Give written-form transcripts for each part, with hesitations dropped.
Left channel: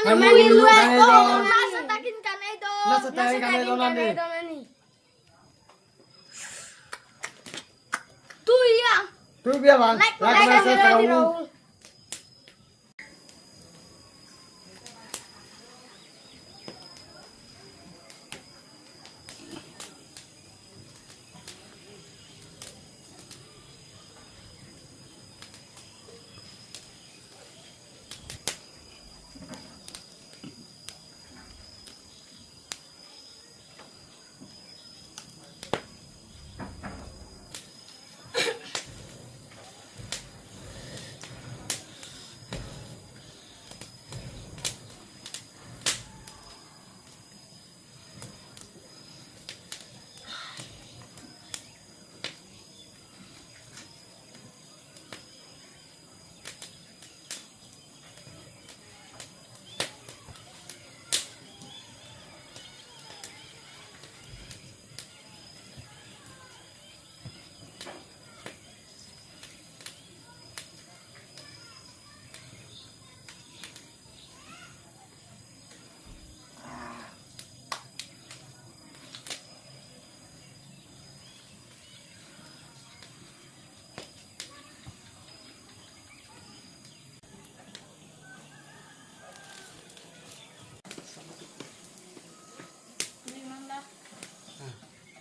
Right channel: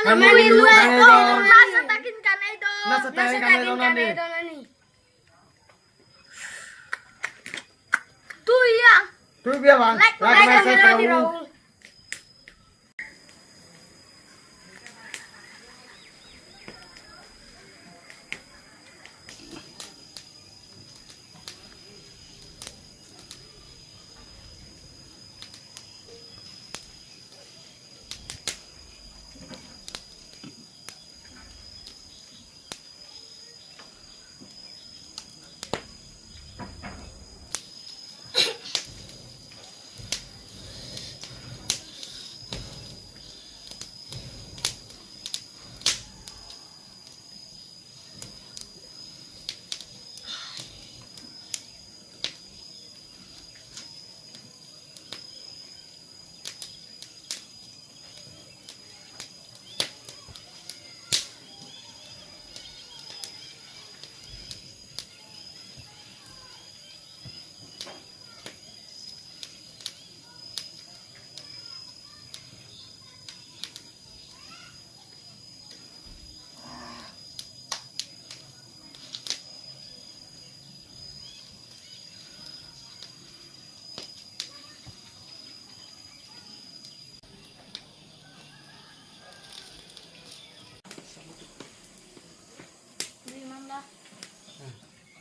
Manilu ito. Nasa takin ka na ito. Nasa takin ka na ito nani. Tuya. Tu biar bang. Like Like kami saya di tahu. Raul.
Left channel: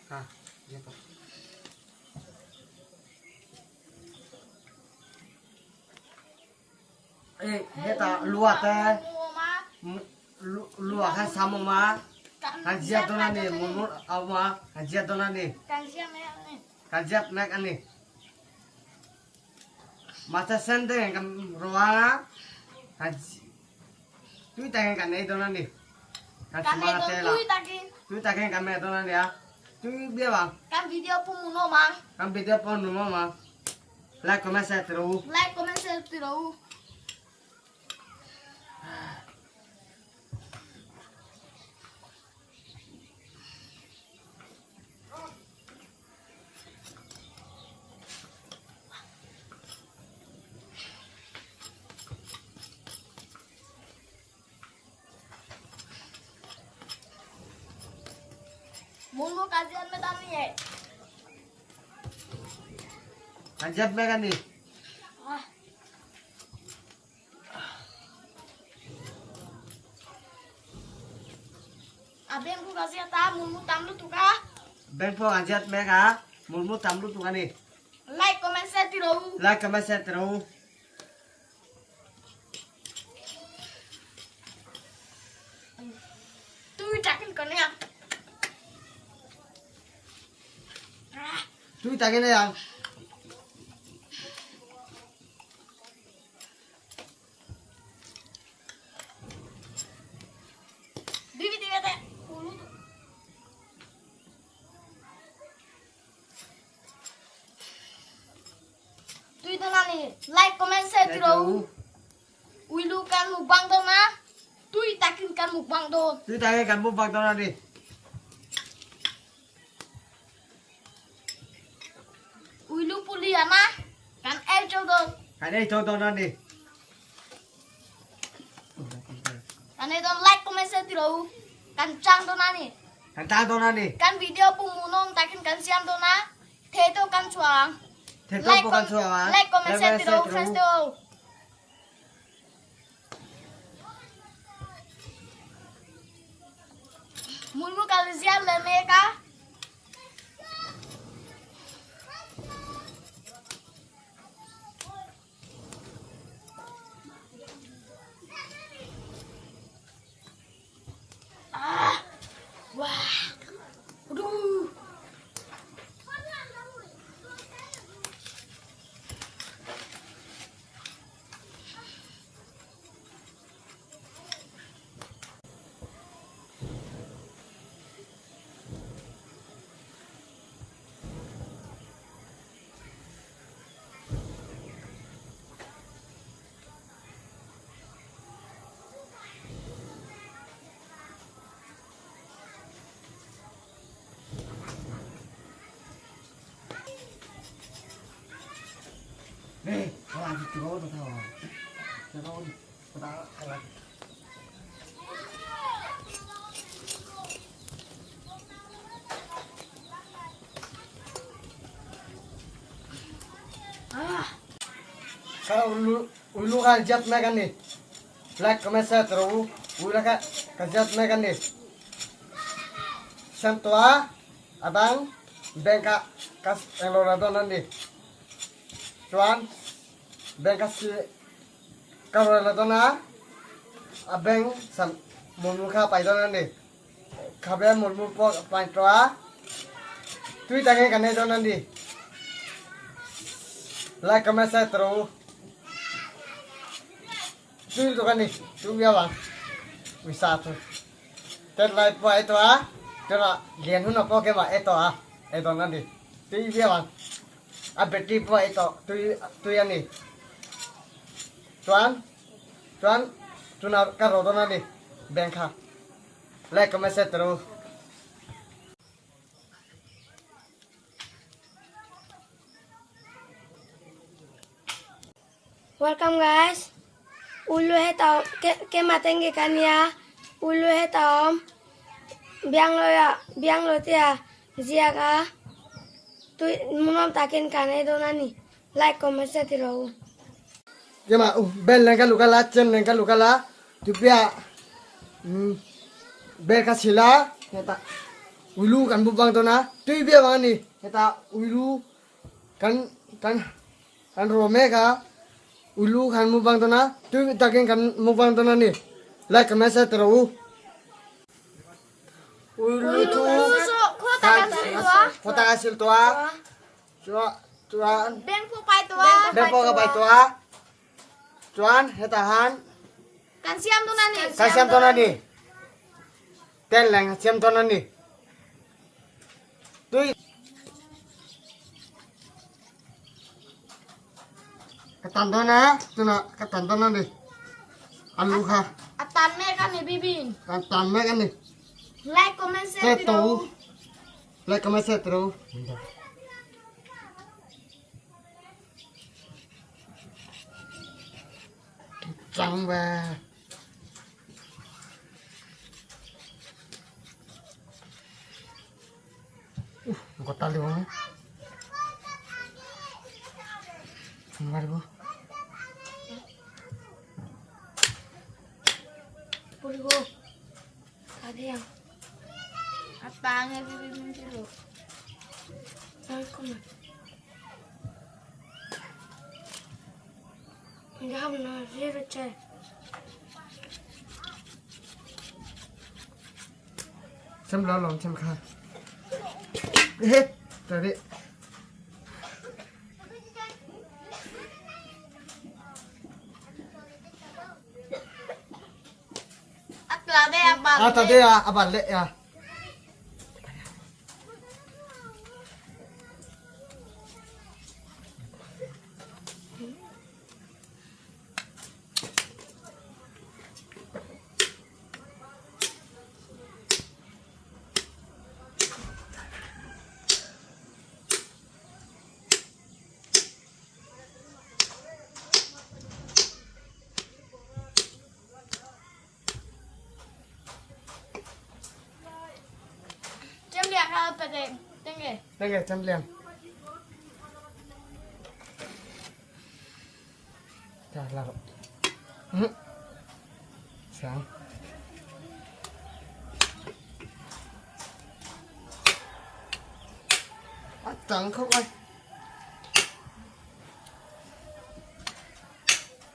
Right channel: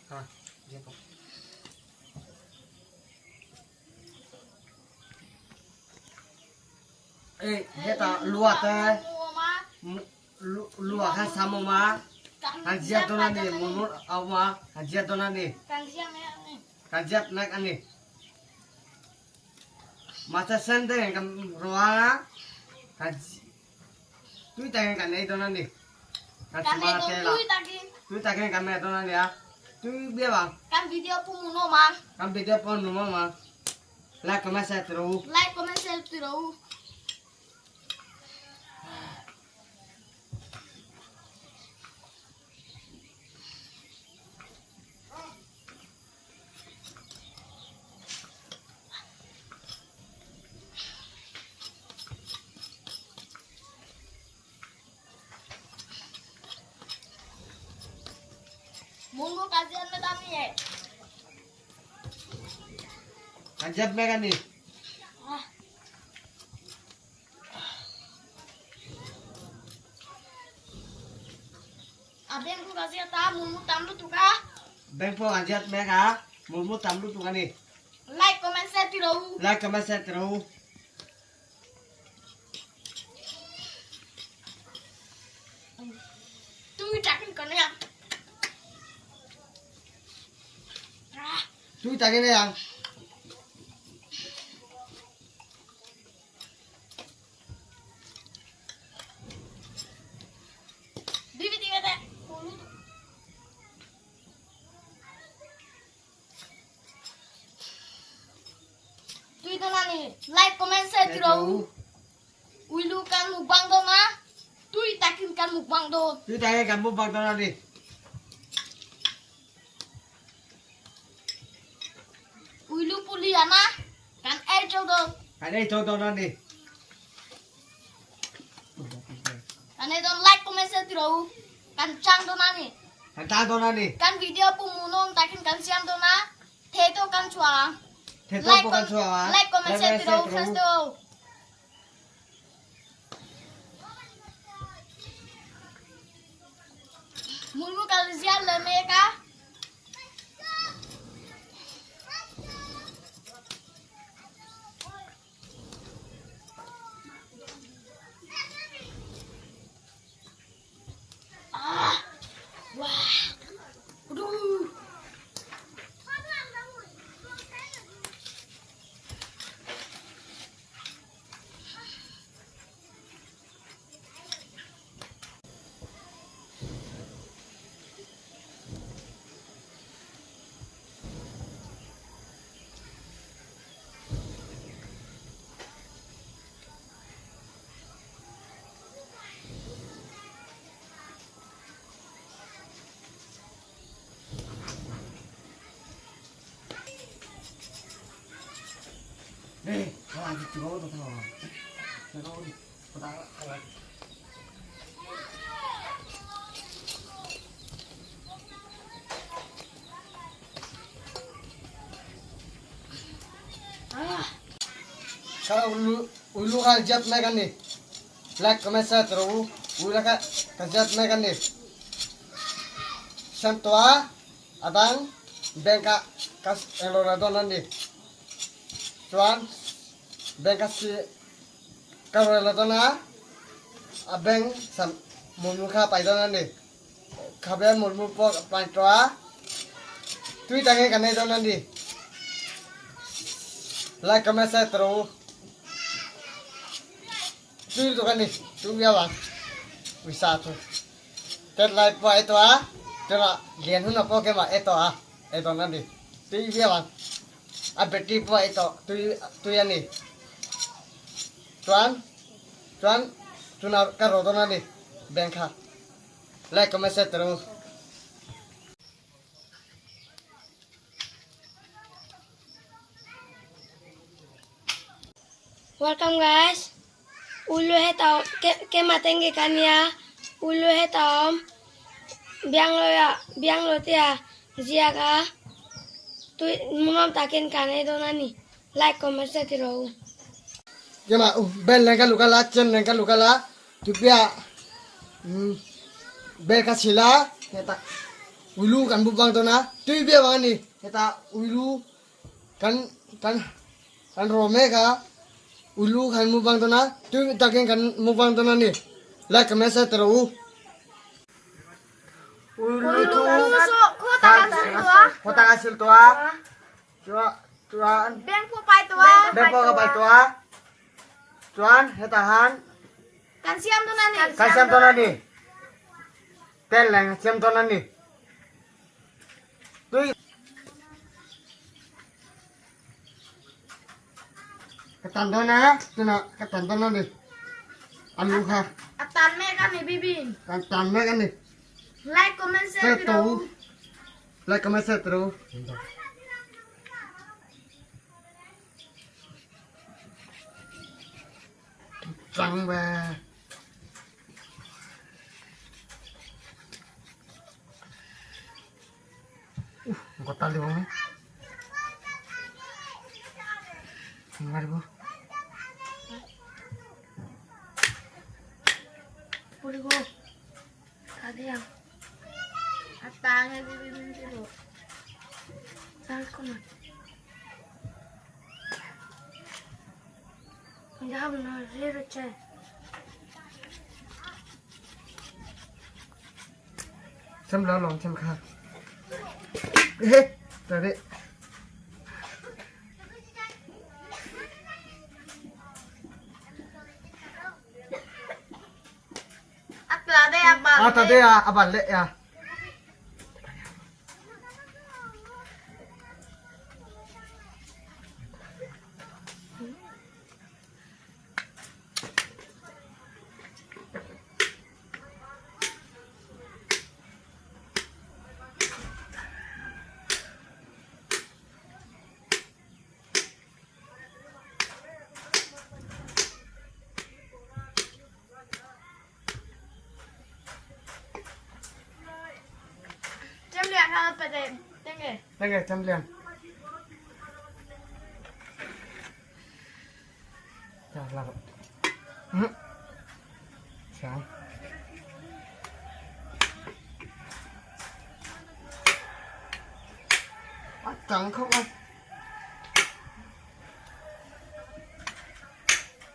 Ah, dia pak. Dia tak luat luat kan sama ma. Hajiat tu nanti, mundur awak hajiat tu nanti. Hajiat naik ani. Masa sendiri kan ruang haji. Tu tak kan itu nanti. Haji mata lah. Tu tak kan kamera tu nanti ya. Tu biar bang. Kan video pumuno ma. Kan video pun rumah mah. Like comment share terus. Like, comment, share terus. Munggu kajian metani ya. Hajiat mereka ni. Ah. Abang ku kasih tahu munggu tamu tu kah? Bengpo hajiat mereka. Mulmu tamlu tu kan ni. Like, comment, share terus. Like comment share terus. Tu cakin kau ni. Tu tak kena yang. Bibit bibit. Tu itu nani. Like, comment, share terus. Wilu kan mukbang tu na. Tu takin kan mukbang tu. Tu tak kena kamu bang tu nanti. Wilu puli ana. Kan cow tu. Ada itu tu nanti. Kan itu like, comment, share terus. Kan cang tu nani. Kantang tu nanti. Kan video pumunong takin kan siam tu na. Teto kan cuang. Teto bukan suara. Like, comment, share terus. Friends tu. Mulmu kalau siap lene kah? Ah, wah, aduh. Eh, kau lagi tu kau tu tahu. Kau tahu, kau tahu lagi. Kalau ulu kan jat megan nih. Like comment share terus. Ulu kan jat megan nih. Santua adang bengka kas elorado nanti. Cuan bengka si kalau elorado na abeng sam mulmuka paido nanti. Kabe mulmupo pantua. Tui tangan kan itu nanti. Like comment share terus. Tui tu kan nih. Tui biawang. Wisata. Terus like po itu Tera lian huna po ke ma eto nanti. Tui bia bang. Beti po eto tu yani. Tuan tuna karo to nanti. Bengka. Like comment share terus. Welcome guys. Ulu hai tau ke matenge kan ya. Ulu hai tau biang lo tia zia ka tu munam takin kanai do nani like comment share tiro Kema bel lengka lukala cem lengka lukala tu pia bel kasila kita ulu kan bubang to na tu bia bang ni kita ulu kan rome ka ulu kan bubang to na tu takin kan bubang to na ni like comment share tiro ulu tu kota hasil tua cuan Beng po pai tua. bepo ka pai tua cuan hetahan Kan siam tu nani. kasam to na ni tel lang siam to na ni tu ketanto na tu na ketanto na ni alu ka Atan me kan ni bibin. ketan me kan ni Like comment share Setu. tiro. Like comment share terus. Cang ba. Kau tali bang. Mari bu. Purigo tadi yang Atangnya bibin tiro. welcome Jam na zero chay Xem lao lòng xem khang. Hết. Rồi đấy. At lade abal. Tadi abal deh ya. Jam dia kalau pada tengge. Đây chăm liền. Chà là sáng. Trắng không anh?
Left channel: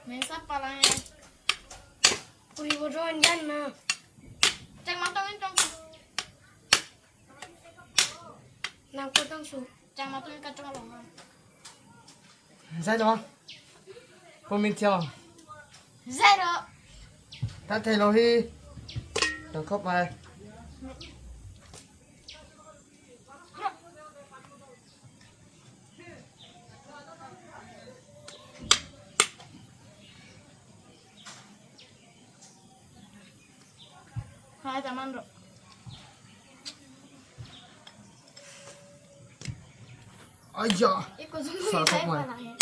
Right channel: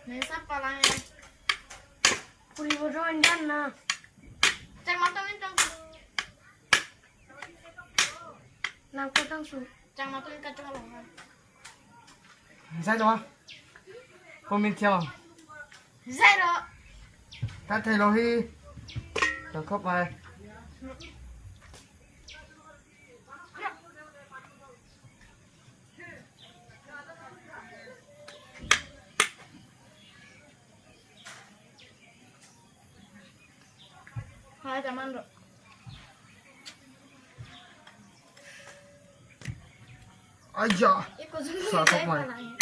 Ni siapa lang? Purigo doan yan na Ceng matangin ceng. nangkutang su Ceng matangin kacang longan. Sai đó. Comment theo. Zero. Ta thấy nó hi. Nó khóc bài. Hai teman bro. Aja. Ikut sungguh Salah saya kok, Mai. palangnya.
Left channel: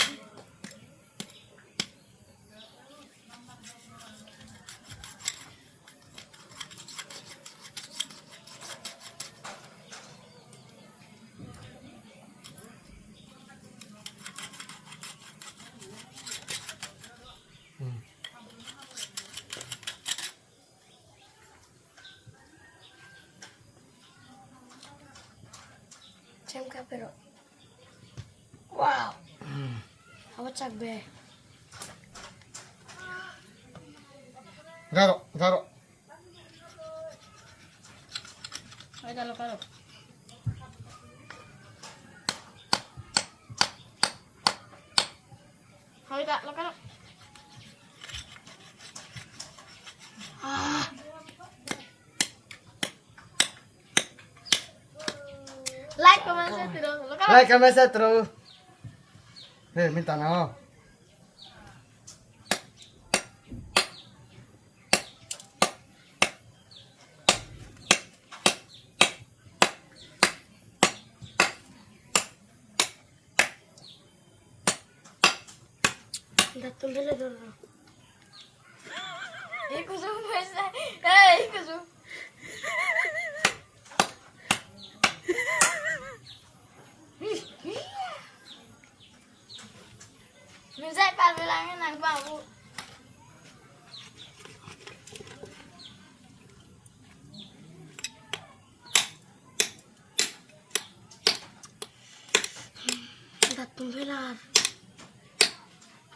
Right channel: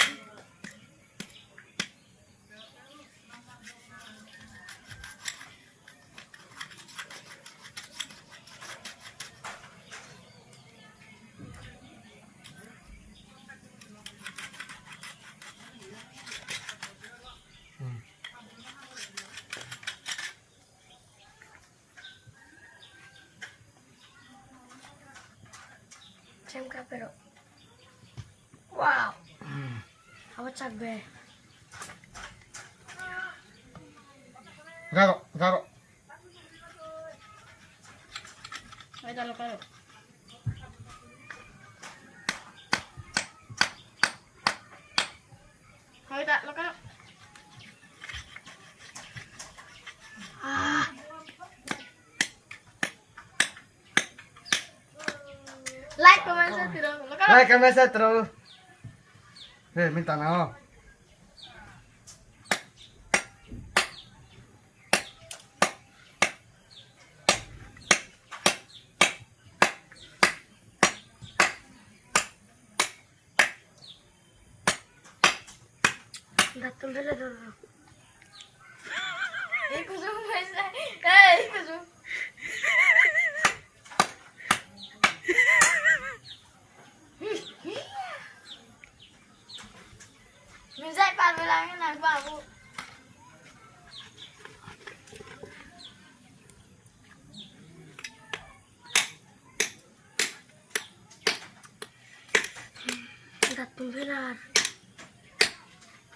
pero. Wow. Apa cabe? Garo. Ay, dalo ka. Ay, dalo ka. Like, comment, share terus. Lo ka. Like comment share terus. Minta na. Datang dulu. Ikut semua saya. Eh, ikut semua. Minsan pabilangin ang babu. Datang dulu.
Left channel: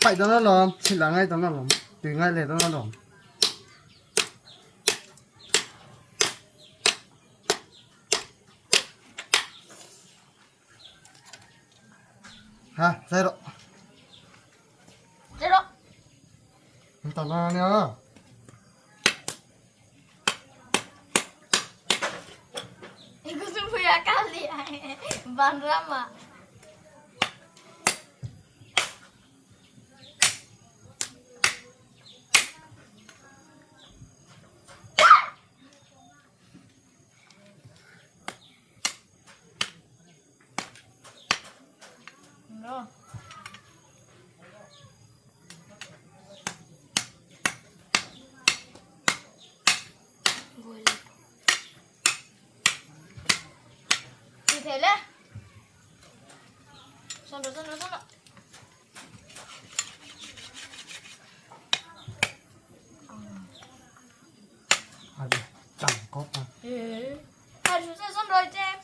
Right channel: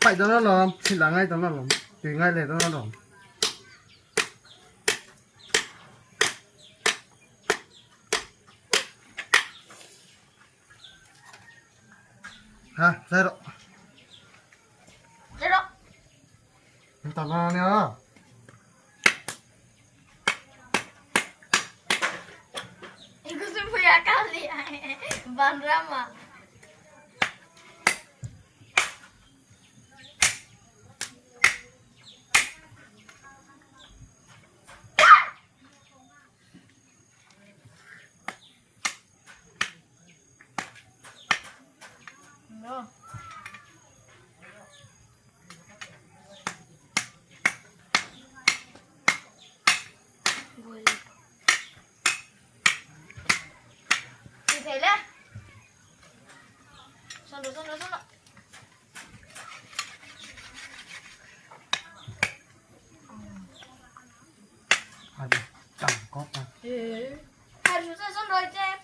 Phải cho nó lòm, xin là ngay cho nó lòm, tùy ngay để cho nó lòm. Ha, sai rồi. Jerok. Minta na nha. Ikut semua ya kali. Bang Rama. No. Boleh. Đi thế lên. Xong rồi. Hadi, chẳng có mà. Hai chú sẽ xong rồi cho em.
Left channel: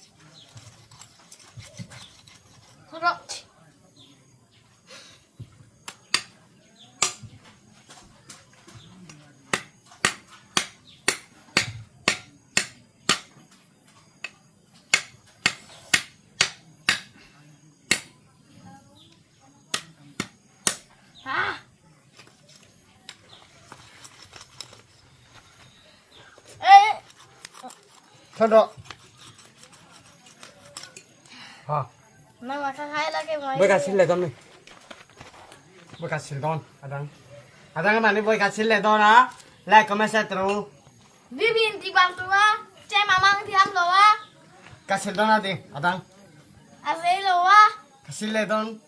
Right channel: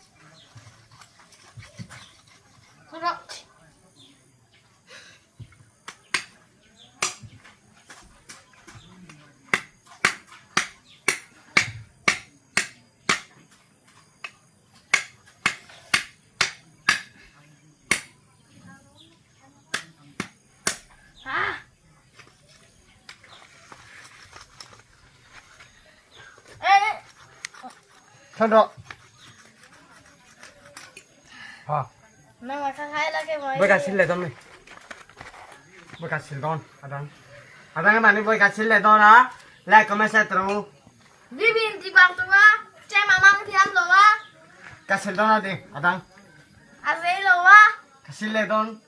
Xong rồi. À. Ê. Xong rồi. Ha. Mà khai là cái máy. Với cả xin lệ con mình. Với cả xin con, Adang. Adang các bạn đi với cả xin lệ con á. Like comment share terus. Bibin di bang tua. Cek mamang diam lo wa. Kasih don đi, Adang. Ave lo wa. Kasih lệ con.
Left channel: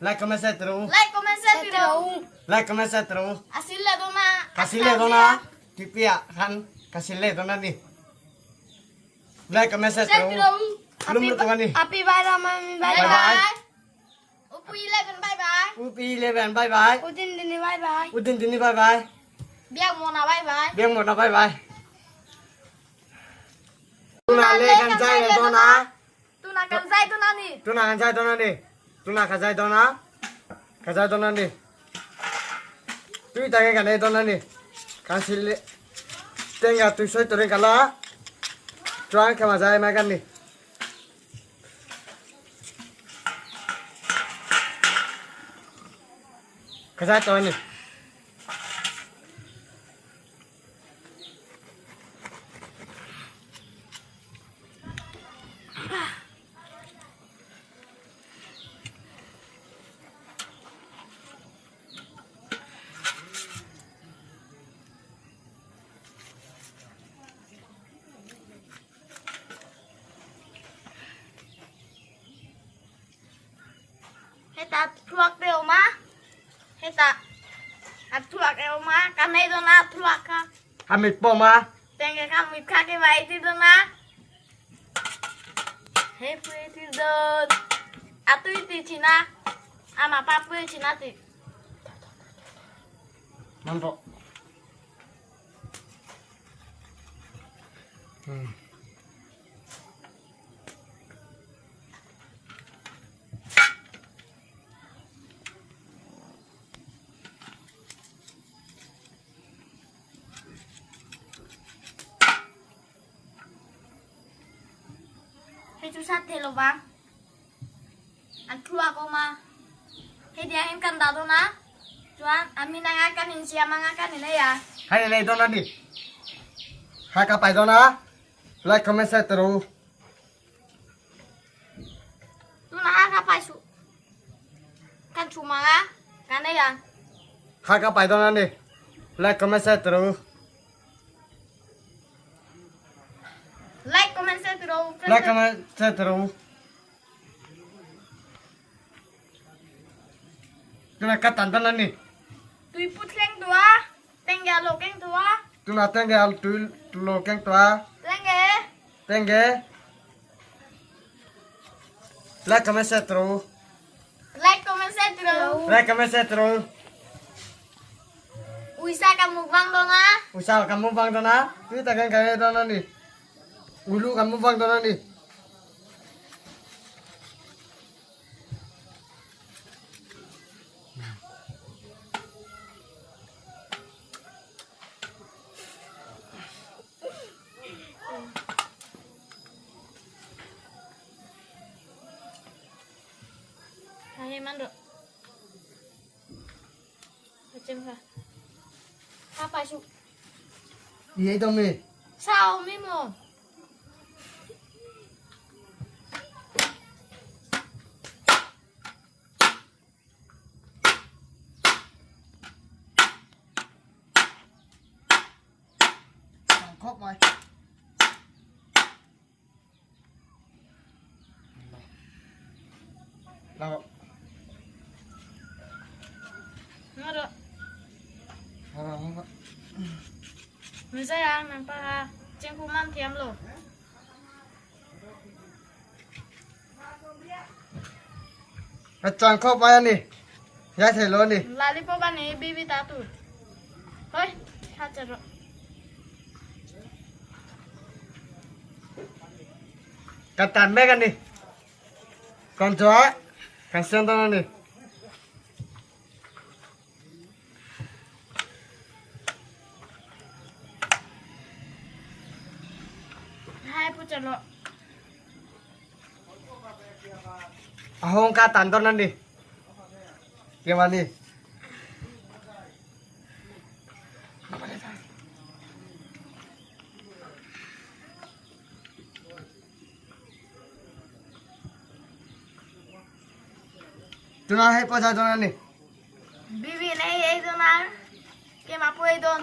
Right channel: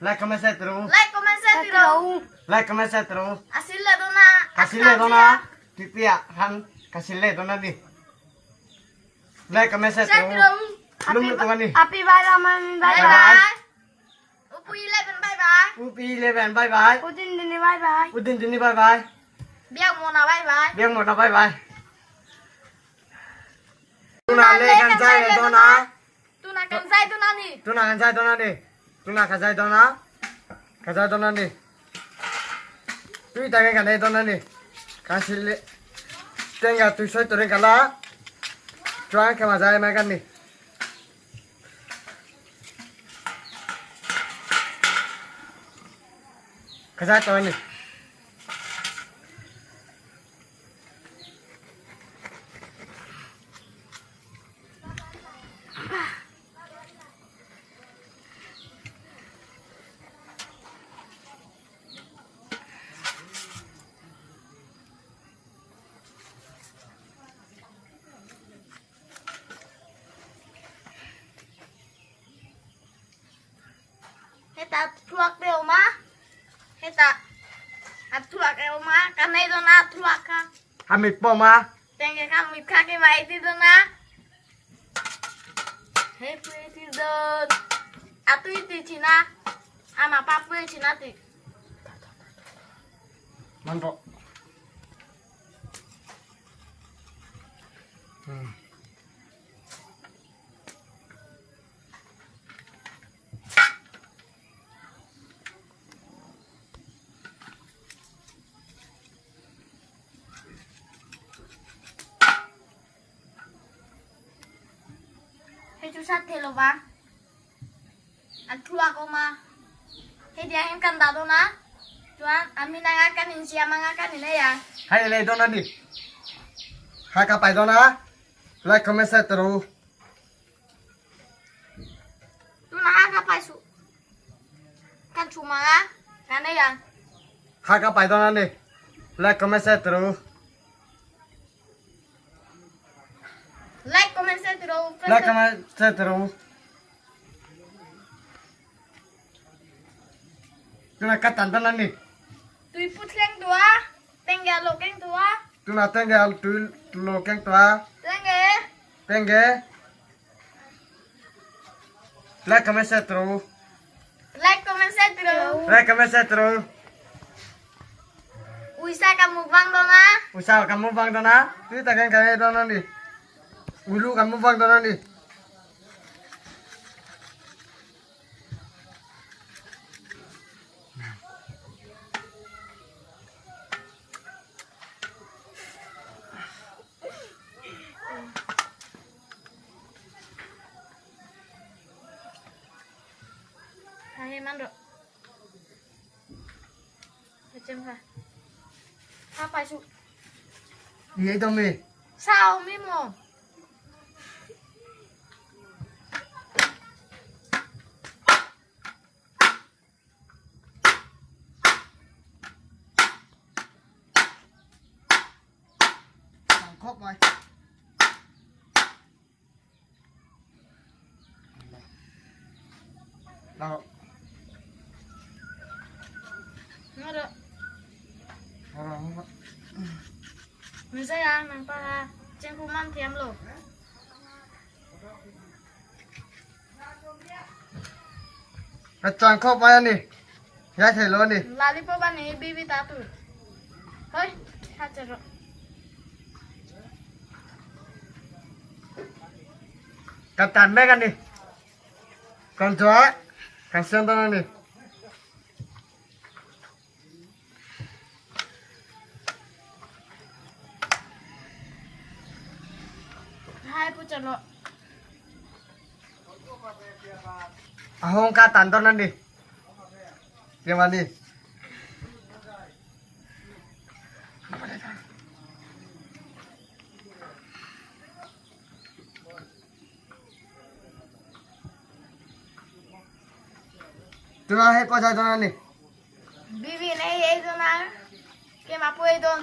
Like comment share terus. Like comment share tiro. Like comment share terus. Asil la dona. Kasih lệ con á. Tipi ya kan. Kasih lệ con đi. Like comment share Share tiro. terus. Belum teman nih. Happy Bayram, Bye bye bye. Upu 11 bye bye. Upi 11 bye bye. Udin dini bye bye. Udin dini bye bye. Biang mona bye bye. Biang một là bye bye. Tuna lê kan jai le dona. Tuna kan sai tuna ni. Tuna kan jai dona đi. Tuna kan jai dona. Kan jai dona đi. Tui ta cái này dona đi. Kasih le. Tenga tu soi tu regala. Chuan ke ma jai ma kan đi. Kan jai dona đi. Heta truak deo ma. Heta. Truak deo ma. Kanai dona truak ka. Amit po ma. Tenge ka mit ka ke mai ti dona. Hey pretty don. Atu iti Cina. Ama papu Cina ti. Mantap. susah telo bang. Aku ma. Dia yang kan tahu na. Cuman amin nangakan ini siapa nangakan ini ya. Hai le dona ni. Hai ka pai dona. Like comment share terus. Tu nak apa su? Kan cuma kan ya. Hai ka pai dona ni. Like comment share terus. Like comment share terus. Like comment share terus. Tu nak kata dona ni. Tu put keng tua. Tengah lo keng tua. Tu nak tinggal tu lo keng tua. Tengah. Tengge. Like comment share terus. Like comment share terus. Like comment share terus. Uisa kamu bang dona. Usah kamu bang dona. Tu tak kan dona ni. Ulu kamu bang dona ni. Hai mando. Macam apa? Apa su? Iya itu mi. Sao mimo? Khóc rồi. Đâu? Mando. Không có. Mình sẽ ăn nằm pa trên khu man thiam lo. Chọn khóc vậy nè. Giá thầy luôn nè. Lollipop ani bibi tatu. Hoi, hajar. Katan mấy cái nè. Con chó. Cái xương tao nè. Hai pucat lo. Ahong katan tao nè. Gimana nih? Tuna hai pa tuna nih. Bibi nahi itu na. Ke mapu itu.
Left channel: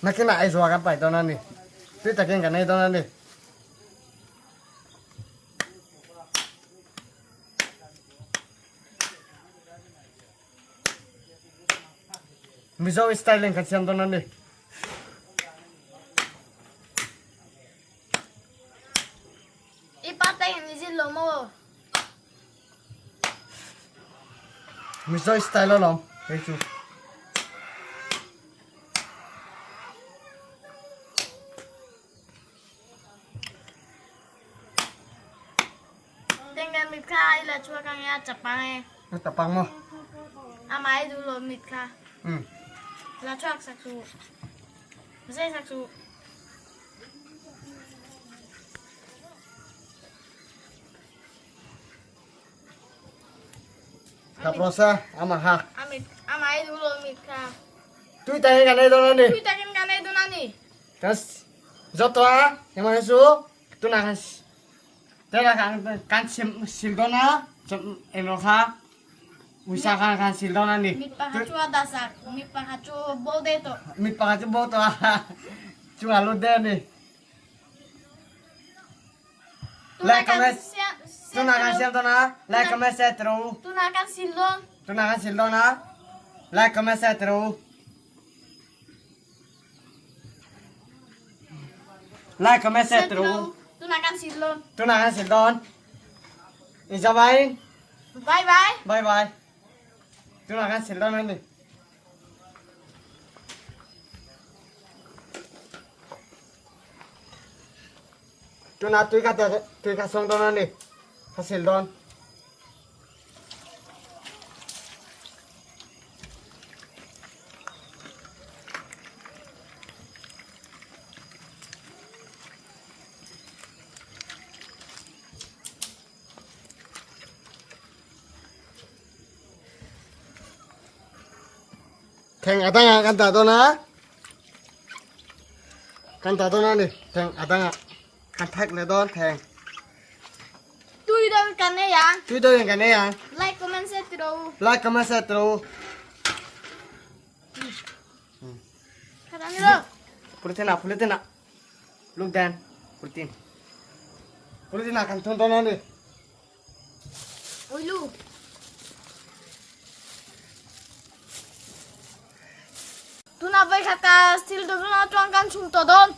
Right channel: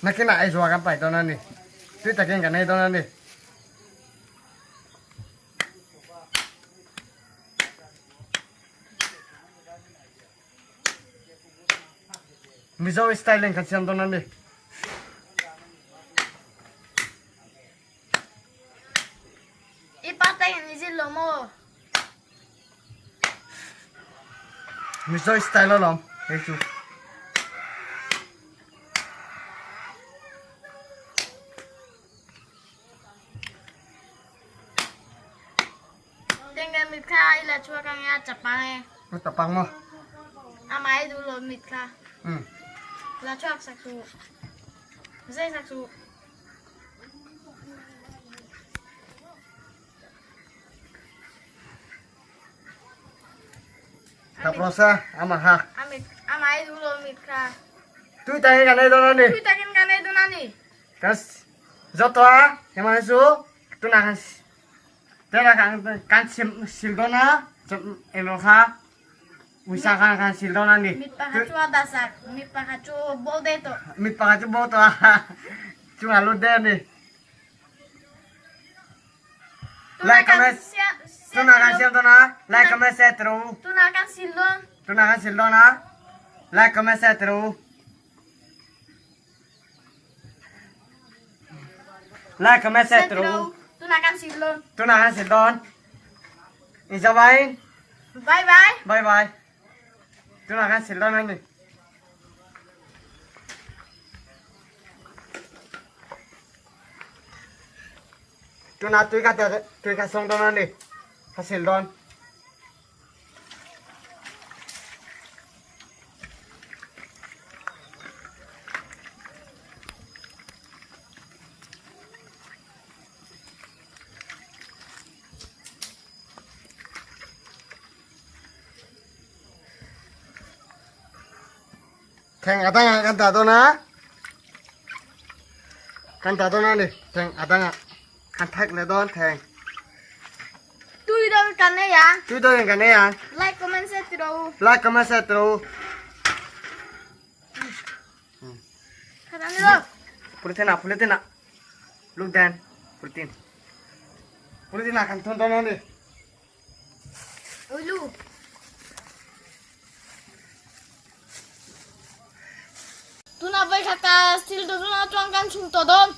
Makin nak iswa kapai tuna nih. Tu tak yang kanai tuna nih. Miso style yang kasihan tuna nih. Ipatay ni silo mo. Miso style lo lom. Hechu. Dengan mitra ila chua kang ya Jepang Kau tapang mo. amai dulu mitra. Hmm. La chua saksu. Saya saksu. Kaprosa ama ha. Amai dulu mitra. Tu tak yang kanai tuna nih. Kita kan itu nani. Kas jotwa yang mana su? Tu nak kan. Tera kan sildona enoha. Usahakan kan sildona nih. Mit pahacu adasak. Mit pahacu bode to. Mit pakai boto ah. Cuma lu deh nih. Like comment. Tu nak kan sildona. Like comment share terus. Tunakan silon. Tu nak kan sildona. Like comment share terus. Like comment share terus. Tunakan silon. Tu nak kan sildon. Ijabain. Bye bye. Bye bye. Tu nak kan sildona nih. tu na tu ka song don ni hasil don Thang atanga kan ta don na kan ta don na ni thang atanga kan thak ne don thang Tui đâu cần này à? tu do yang kan ne yang Like, comment, share terus. like comment share terus Kata ni lo. Pulitin na look dan pulitin akan ton don ni Ulu. Tu nak baik kata stil tu nak tuangkan sunto dom.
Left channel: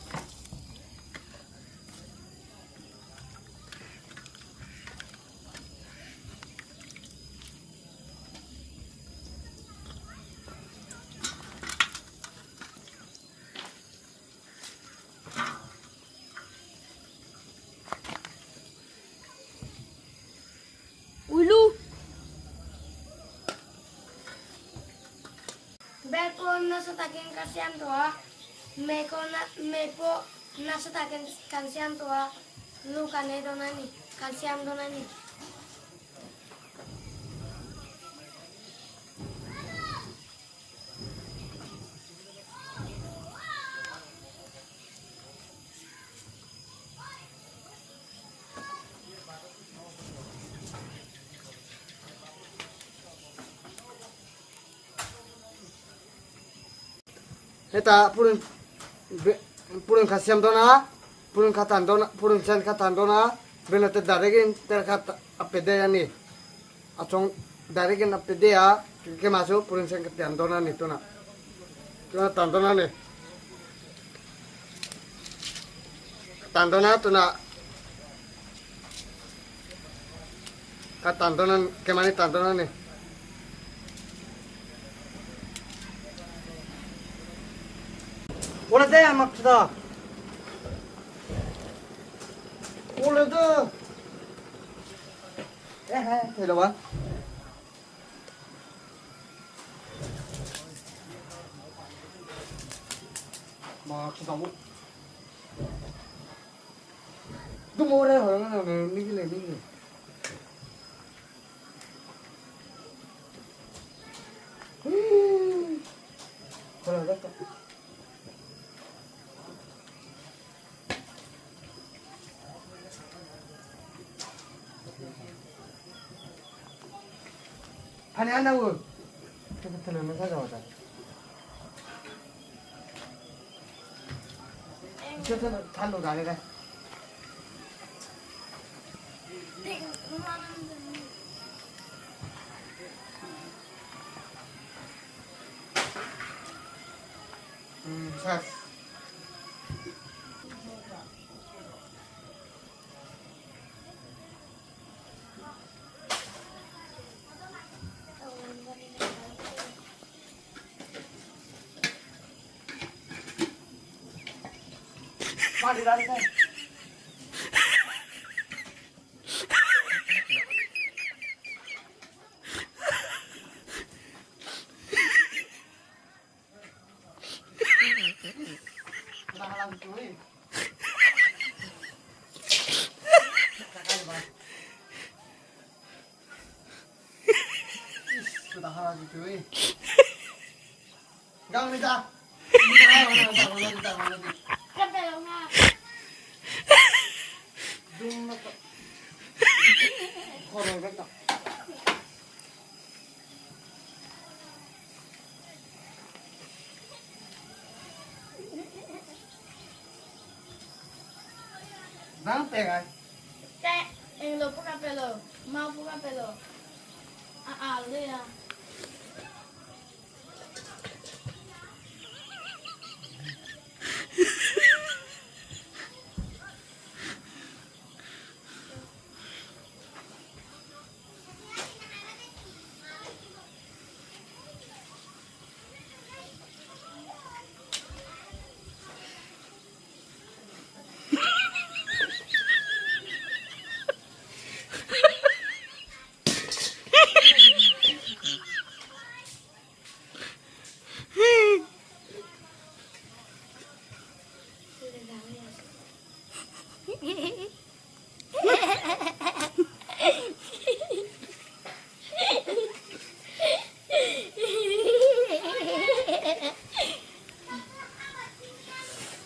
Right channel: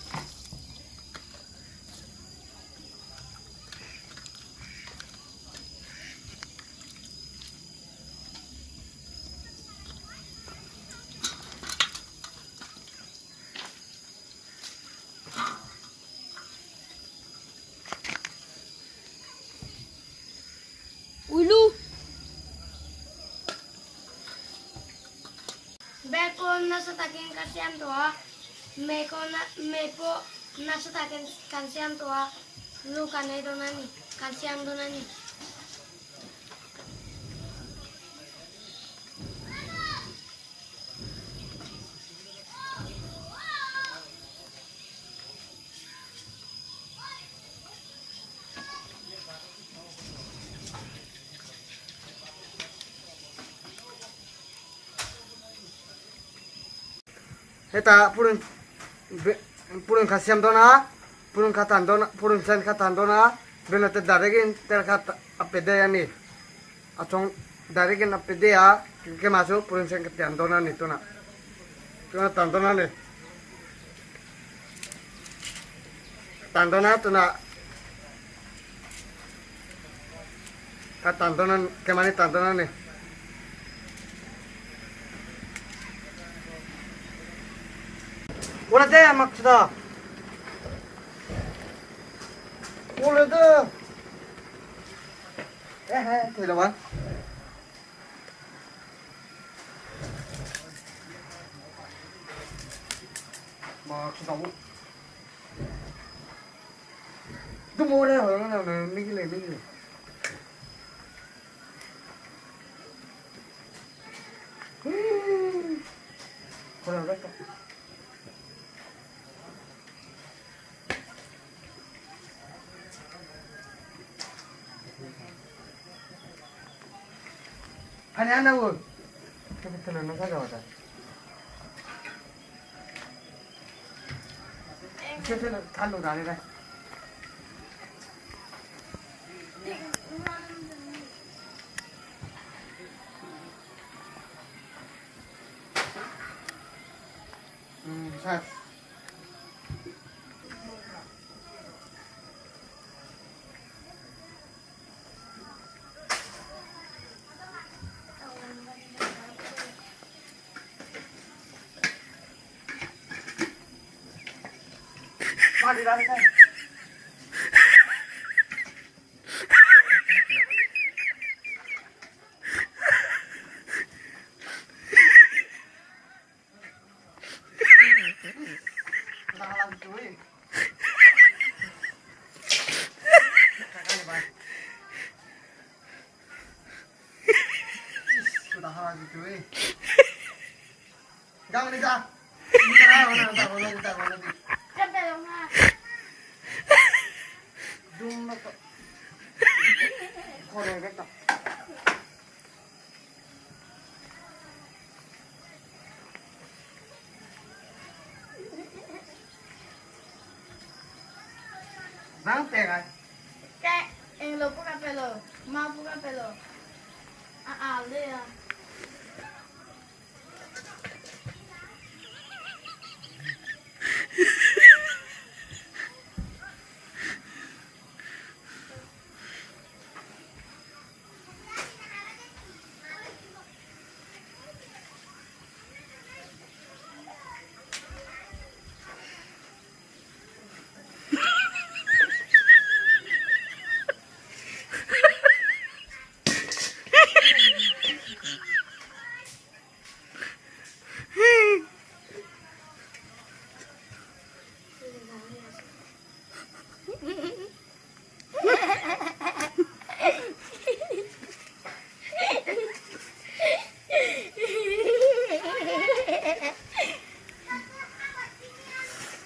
Ulu. Beko nasa takin kasihan tua, meko nasa takin kasihan tua, lu kane donani, kasihan donani. Heta purun khasiam dona purun khatan dona purun sen khatan dona belate daregin ter khat apede yani achong daregin apede ya ke maso purun sen khatan dona ni tona tandona ni tandona tuna khatan dona ke mani tandona ni Wala deh maksudnya. Wala deh. Tidak apa? Maksudnya bu. Itu mau deh orang ni gile. Wala deh. Ani ana wo. Kita tenan nang kaga wata. Kita thalu gane ga. Sas. Mari dah kan. Dah halang cuy. Kakak bang. Sudah halang cuy. Jangan ni dah. Mana dah. Sampai lo nga. Dung na to. Kore ka to. Nang tega. Kayak yang lo buka pelo, mau buka pelo. Le ya.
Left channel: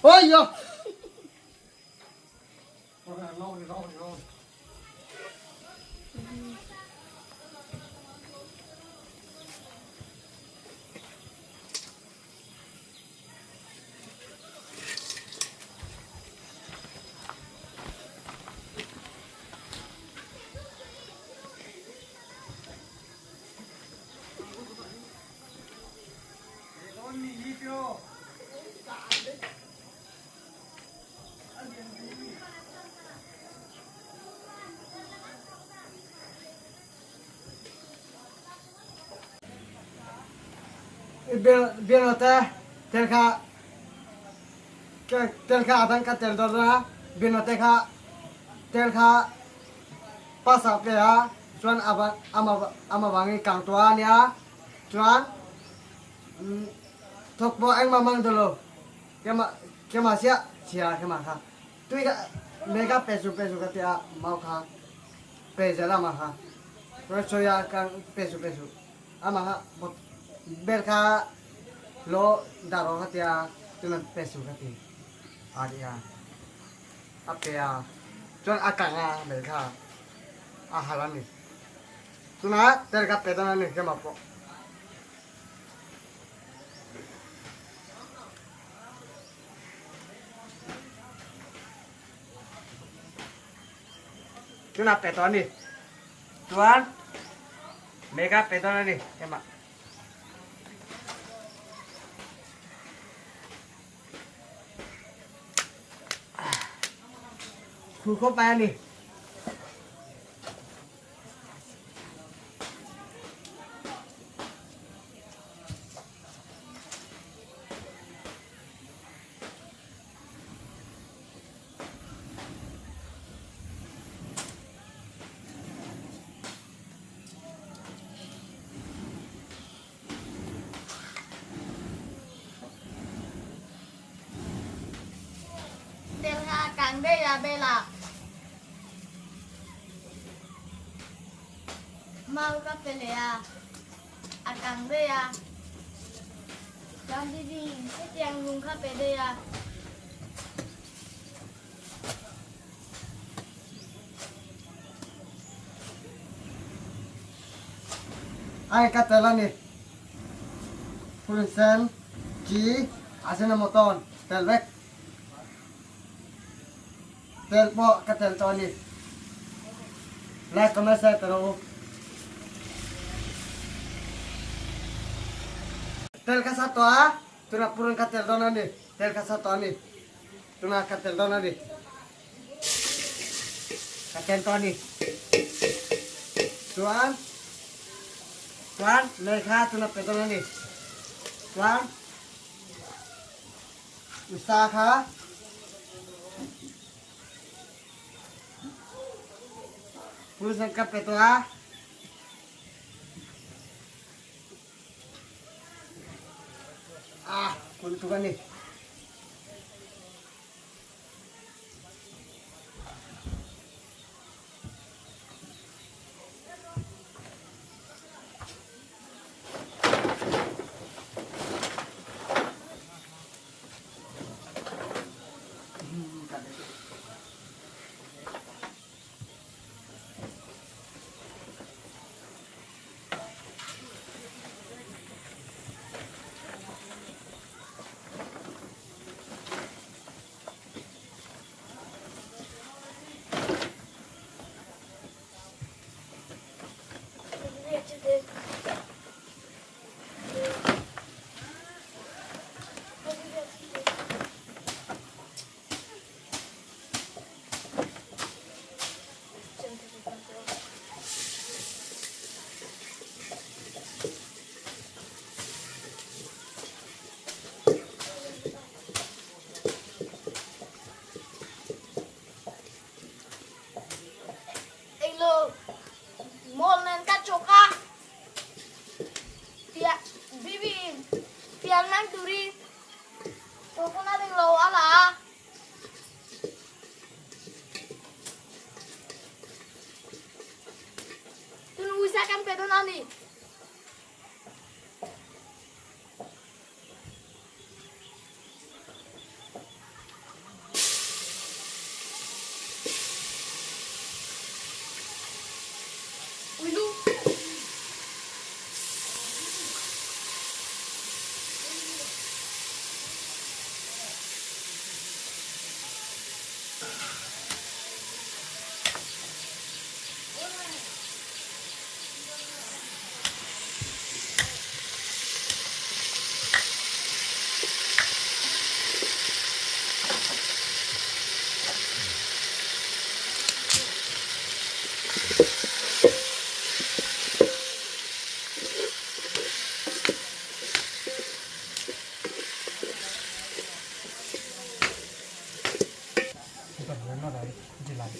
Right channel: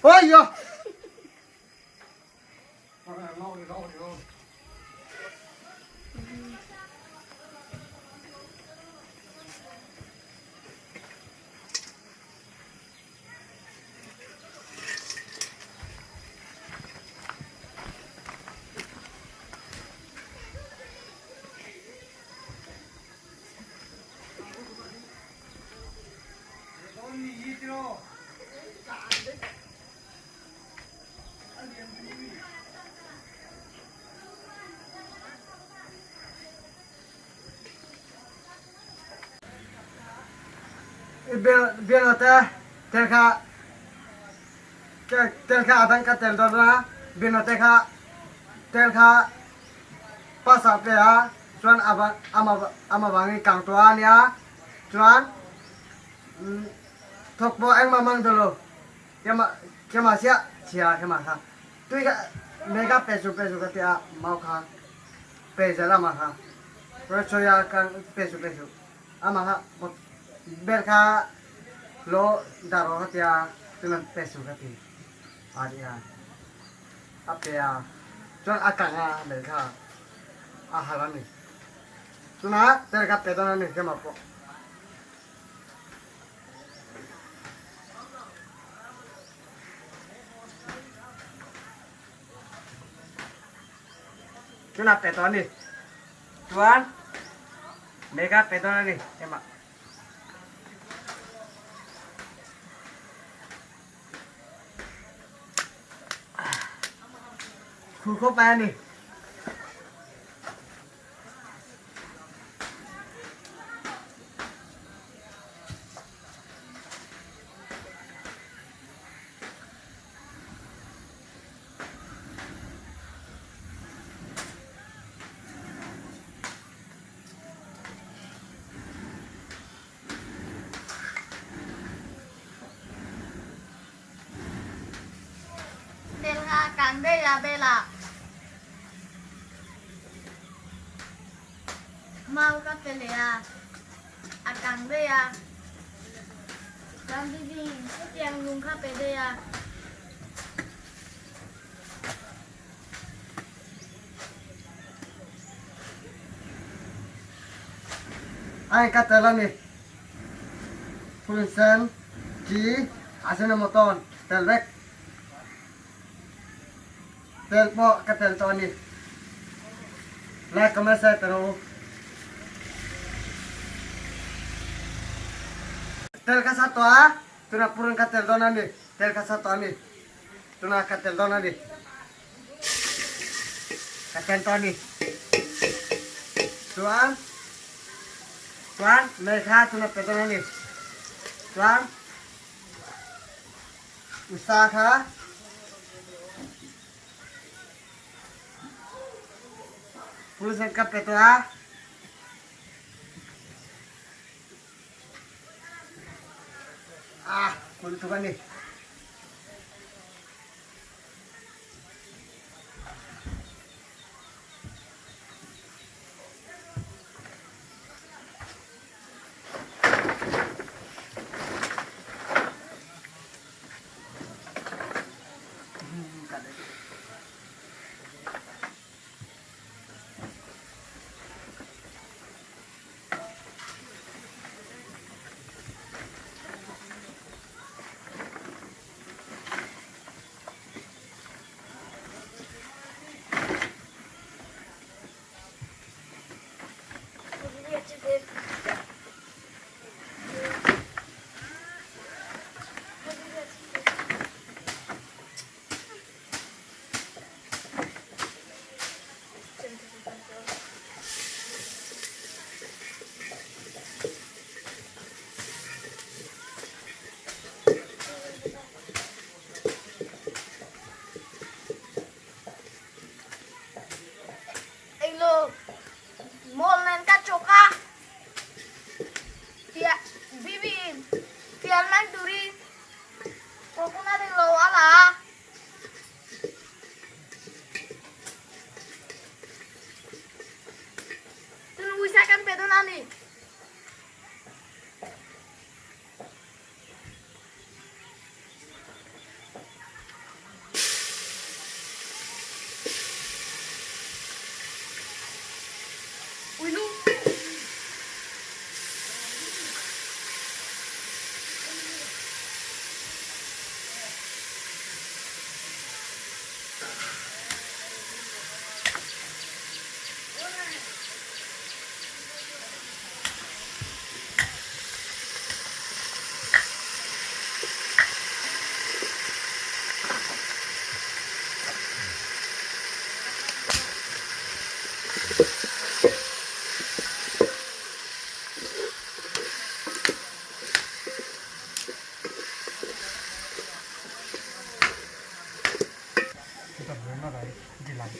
ôi yo biar nota terka terka adang ka tel dona biar nota ka terka pas apa ya cuman ama bangi kang tuan ya cuman thok bo anh mamang dulu kema sia kema ka tu ka mega pesu ka tia mau ka pesu lama ka terus soya kan pesu ama ka berka lo daro ka tia tunan pesu ka ti adia apa ya cuman akanga berka ahalan nih tuna terka pedana nih kema po tuna pedana nih tuan mega pedana nih kema Kuko pa nih Terha càng đây là bê là mau ka pele à càng đây càng đi đi cái tiếng lùng ka pele đây ai katela nih pulsen ki asena moton telvek telpo katel toni la komasa tero tel ka satu tuna purun katel dona nih tel ka satu nih tuna katel dona nih katel toni tuan mereka tuna pedona nih tuan usaha pulsa ka petua kulit tuh nih lại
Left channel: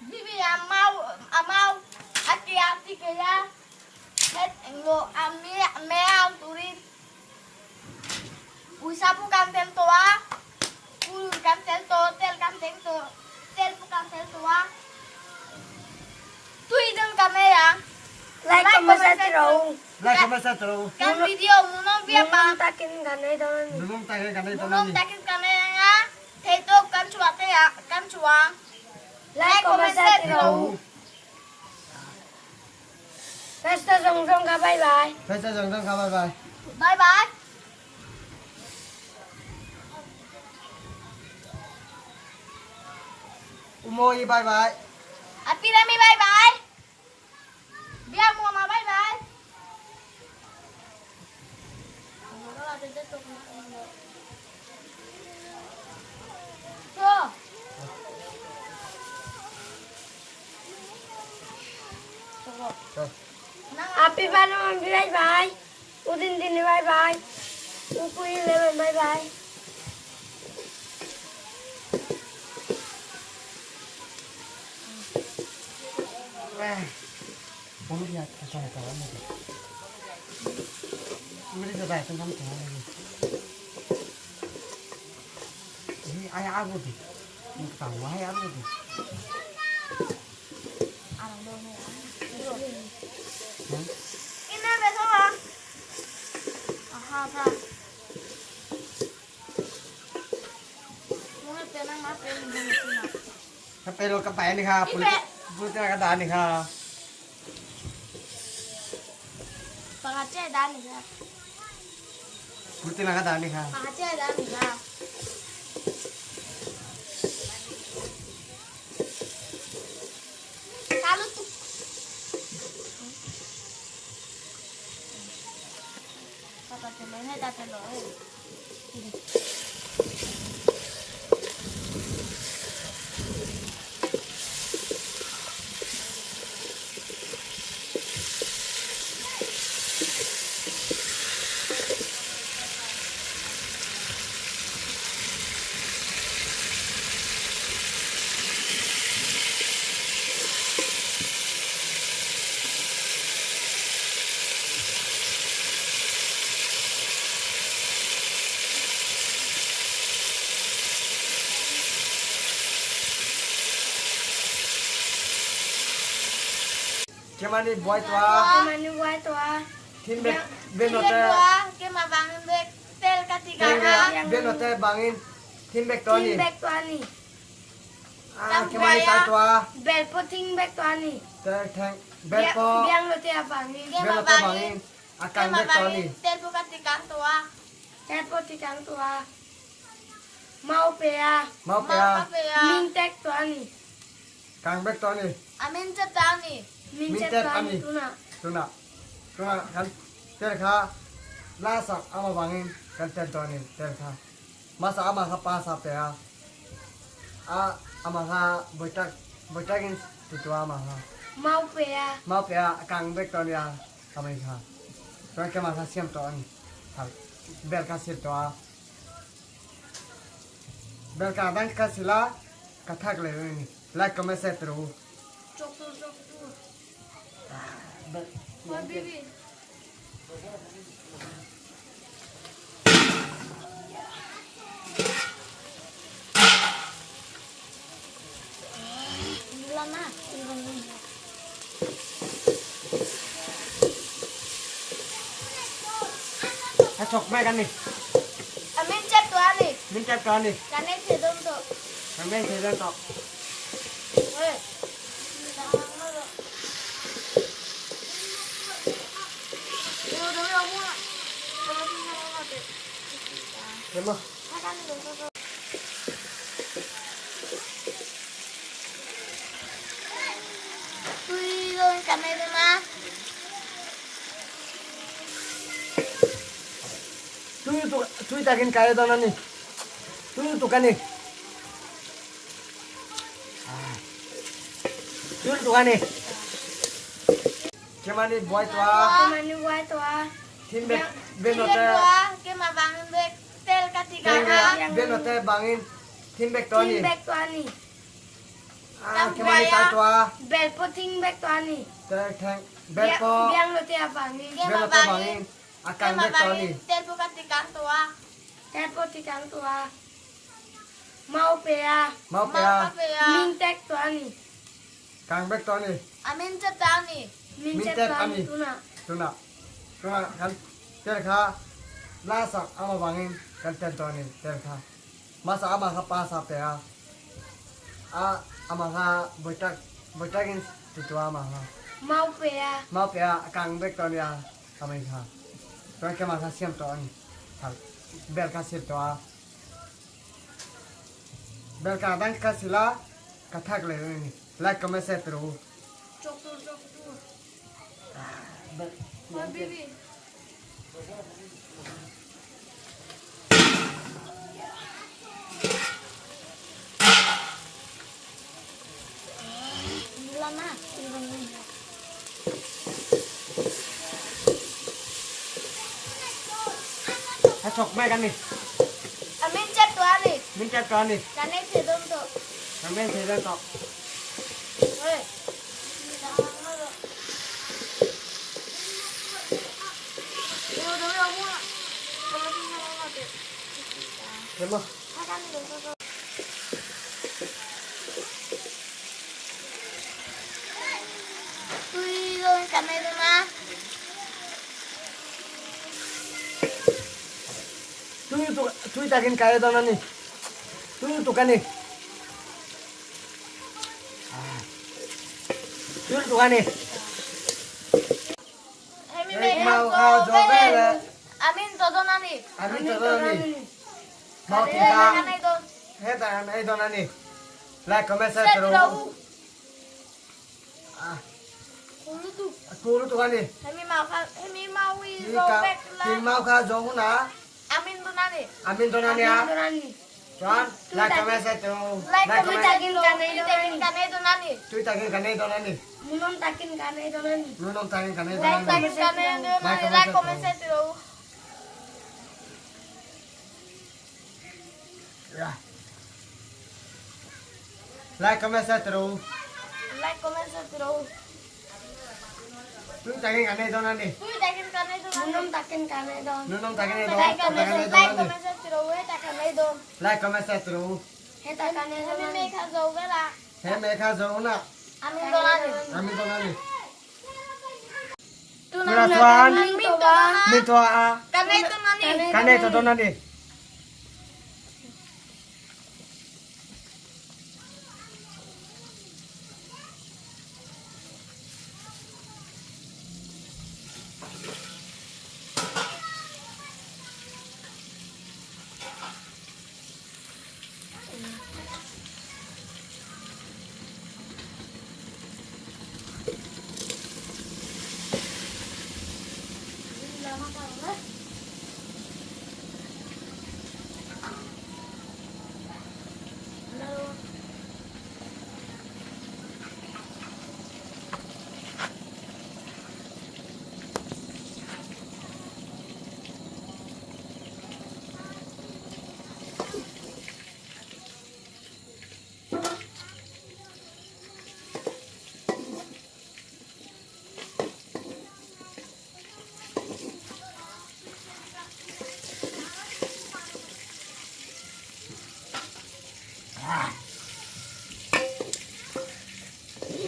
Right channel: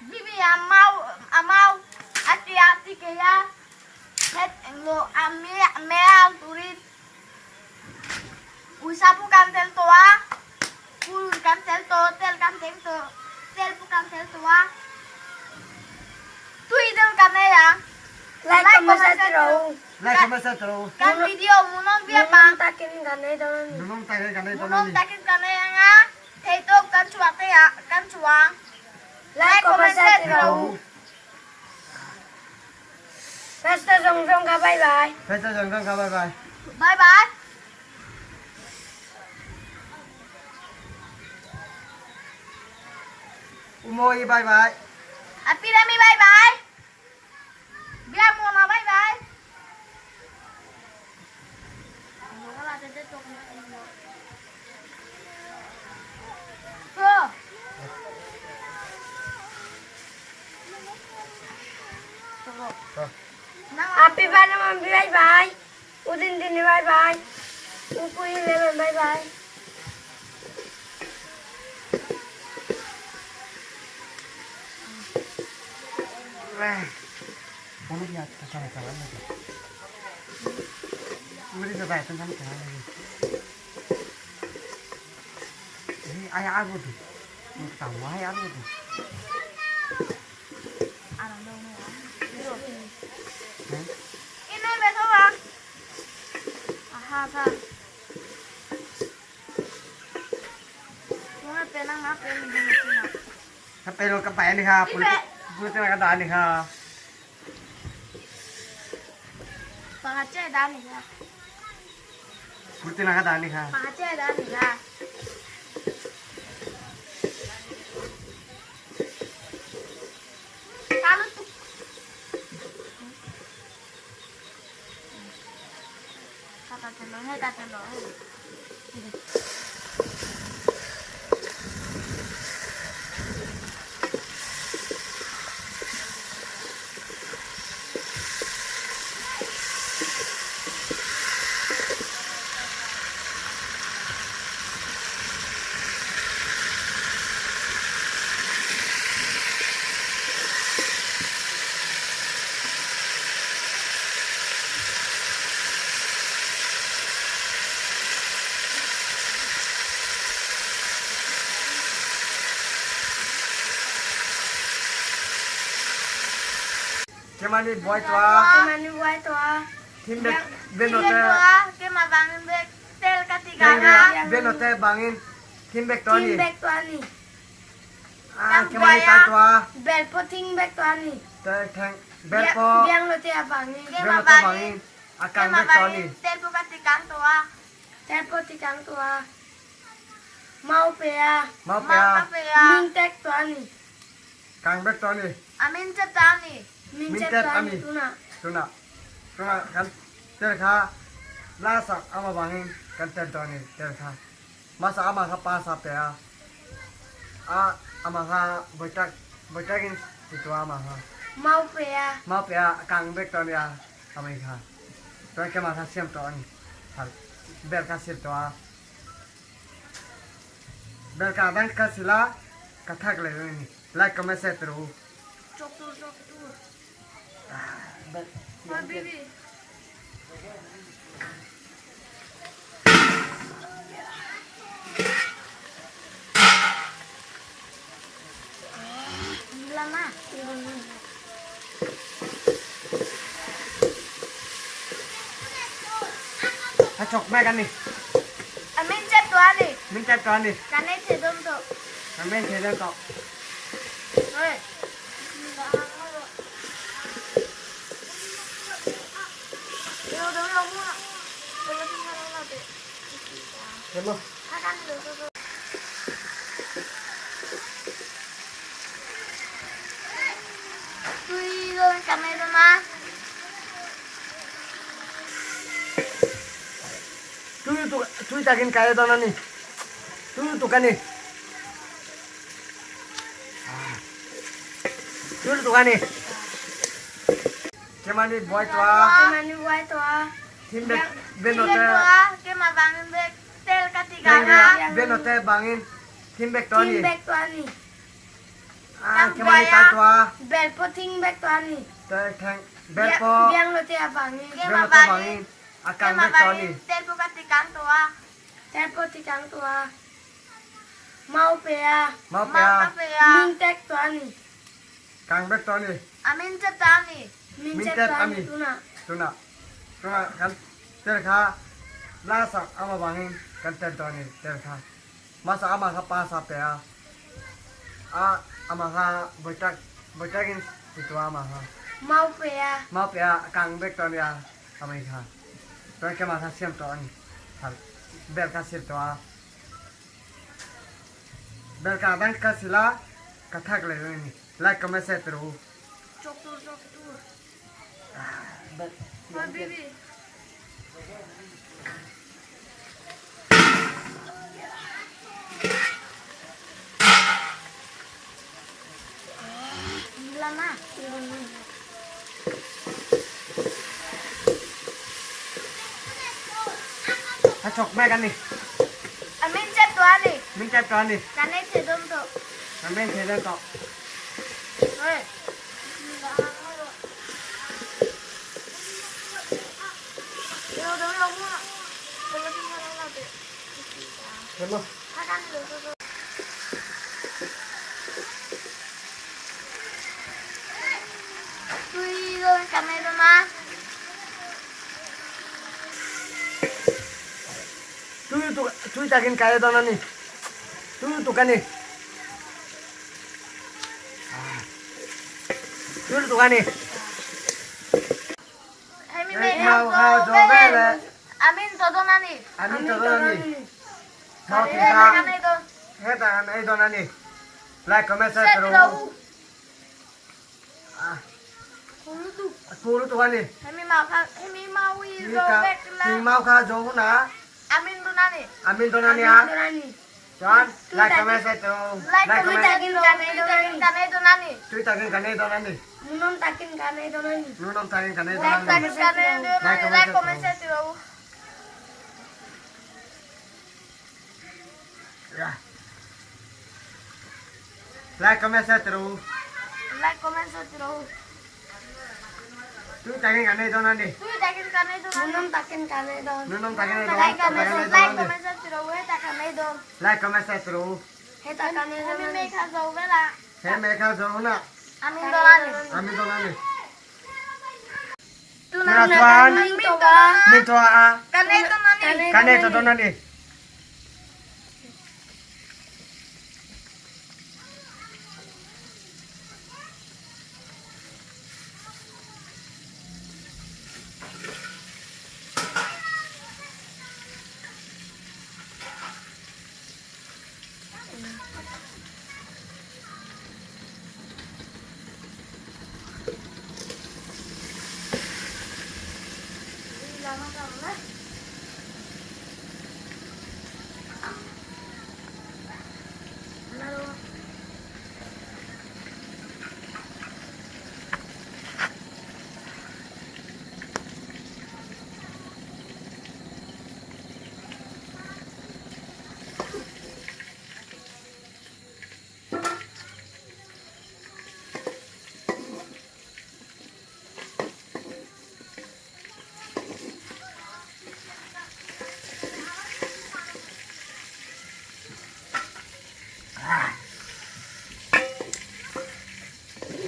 Bibi amau hati-hati kaya het ngo ame turin usapu kantel toa pulun kantel to tel bukan tel toa tu idel kane ya Like comment share rồi. lại không sao đâu kan video munong dia Nung pa takin ganay daw na ni. đúng tay cái này munong takin kane nga theto kan chua te ya kan chua Like comment share rồi. Basta song song ka bye bye. phải cho dần con bye bye bye bye Umoi bye bye Apirami bye bye biar mau na bye bye Tuh. Thôi. Happy ba naman bye bye. Udin din ni bye bye. Upuy naman bye bye. Không biết là sao lại này không biết giờ bài tôi không trả này ai ăn rồi thì một tàu ai ăn rồi thì Ini besok lah. Aha, ta. Mana penang apa yang di sini? cái pelo cái bài này ha bulu cái đàn này ha Pahace dah ni lah. bulu cái đàn này ha Pahace dah ni lah. Kalau tu. Kata telur. cái mà đi boy tua Mani buhay to ah. thiên bên bên nó Dia te dua, ke mabangin bek tel katiga na. bên nó te bangin thiên bek to Ting ni back to ani. à cái mà đi tay tua Bel po ting back to ani. te thang bel po Biang lo te abangin. Ke bên nó te bangin à Ke càng bek to ni mabangin tel bukan tigang tua. Tel po tikang to ah. Mau pe ah. mau pe à Min tek to ani. càng bek to ni Amin cetani. Min Min tek tek to ani ani. tuna. tuna kan ter kha la sak ama bangin kan ter to ni ter kha masa ama kha pa sa pe a ama kha boitakin ti to ama ha Mau pe ah. mau pe a càng bek to ni a amai kha to ke ma kha siam to ni ha bel ka sil to a bel ka dan ka sila ka thak le ni like comment share ro Cok tu. bel Oi bibi. Lama. ha chok mai kan ni Amin cetani. min chat to ni Kane sedom tu. Amen thế lên cậu Oi. Terima. Akan dulu. Tui rồi cầm này rồi mà. Tui takin kaya dona ni. Tu kan ni. Tu kan ni. Kemani boy tua. Mani buat tua. Tim bet Cái benote. tua, cái mà bằng bê tel katika Tenga benote bangin. Tim bet tua Tim ni. bag tua ni. Kemani tai tua. Bel po ting bag tua ni. Teng bet po. Biang lo tiap bangi. Benote bangin. cái Akan mà bet tua ni. bằng tel po katika tua. Tel po tikang tua. Mau pea. Mau Mà pea. về Min tek tua ni. Kang bet tua ni. amin chất ta nè. Min Min tek tek tua ani. ni tu na. Tuna. Tuna kan terka lasa ama bangin kan tua ni terka. Masa ama ka pasa pea. Ama ka botakin itu ama ha. Mau pea. Mau pea kang bet tua ni amai ka. Tuan ke masa siam tua ni. Hal bel ka sil tua. Bel ka dan ka sila kathak le ni. Like comment share terus. Chọc tu chọc tu. Bel Thôi baby. Gila na. Hai chọc mẹ kan ni. Amin chất tua nè. Min chat tua ni. Cái này sẽ đông thôi. Kami saya tak. Ê. Terima. Akan dulu. Tui rồi cầm này rồi mà. Tu takin kaya dona ni. Tu kan ni. Tu kan ni. Emi Ê, mẹ mau em hao tô gió về về đây. là- Amin tô tô nani. Amin tu dona ni. Mau Cái kita. này tô. Heta ai dona ni. Like comment share Set terus. đâu. Ah, Không như tu. aku tu kan ni. Emi mau đi Kita rồi về ting là. mau ka jauh na. Amin tô nani. Amin dona ni Akan ah. dulu ni. Tuan, like comment share terus. Like Like tui comment. takin cái này tô nani. Tu takin kan ni dona ni. Munong takin kanay dulu ni. Nunong takin kan ni Like dona ni. takin cái này tô nani. Like comment set đâu. Ya. Like comment share terus. Like comment set đâu. Tu takin kan ni dona ni. Tui takin cái này tô nani. Munong takin kanay dulu. Nunong takin ni Like dona ni. comment set đâu. Hết takin này đâu. Like comment share terus. Heta kanay Emi dulu mẹ ni. khá dấu về là. Hey mereka jauh na. Amin tô nani. Amin dona ni. Tu Mira tuan. Amin tô ba. Min tua ah. Cái này tô nani. Kan ni tu dona ni.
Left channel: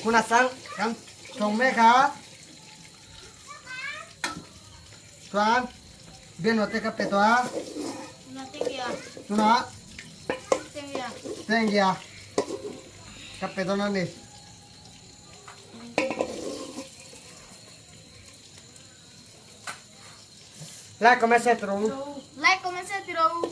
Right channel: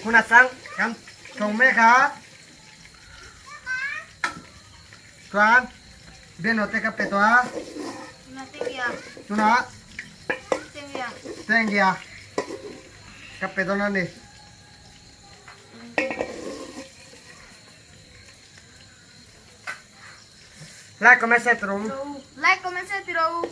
Kuna sang kan chong me kha. Tuan. Ben hote ka pe toa. Nasi ya. Tuna. Ting ya. Thank you. Ka pe dona ni. Like comment share terus. Like comment commence terus.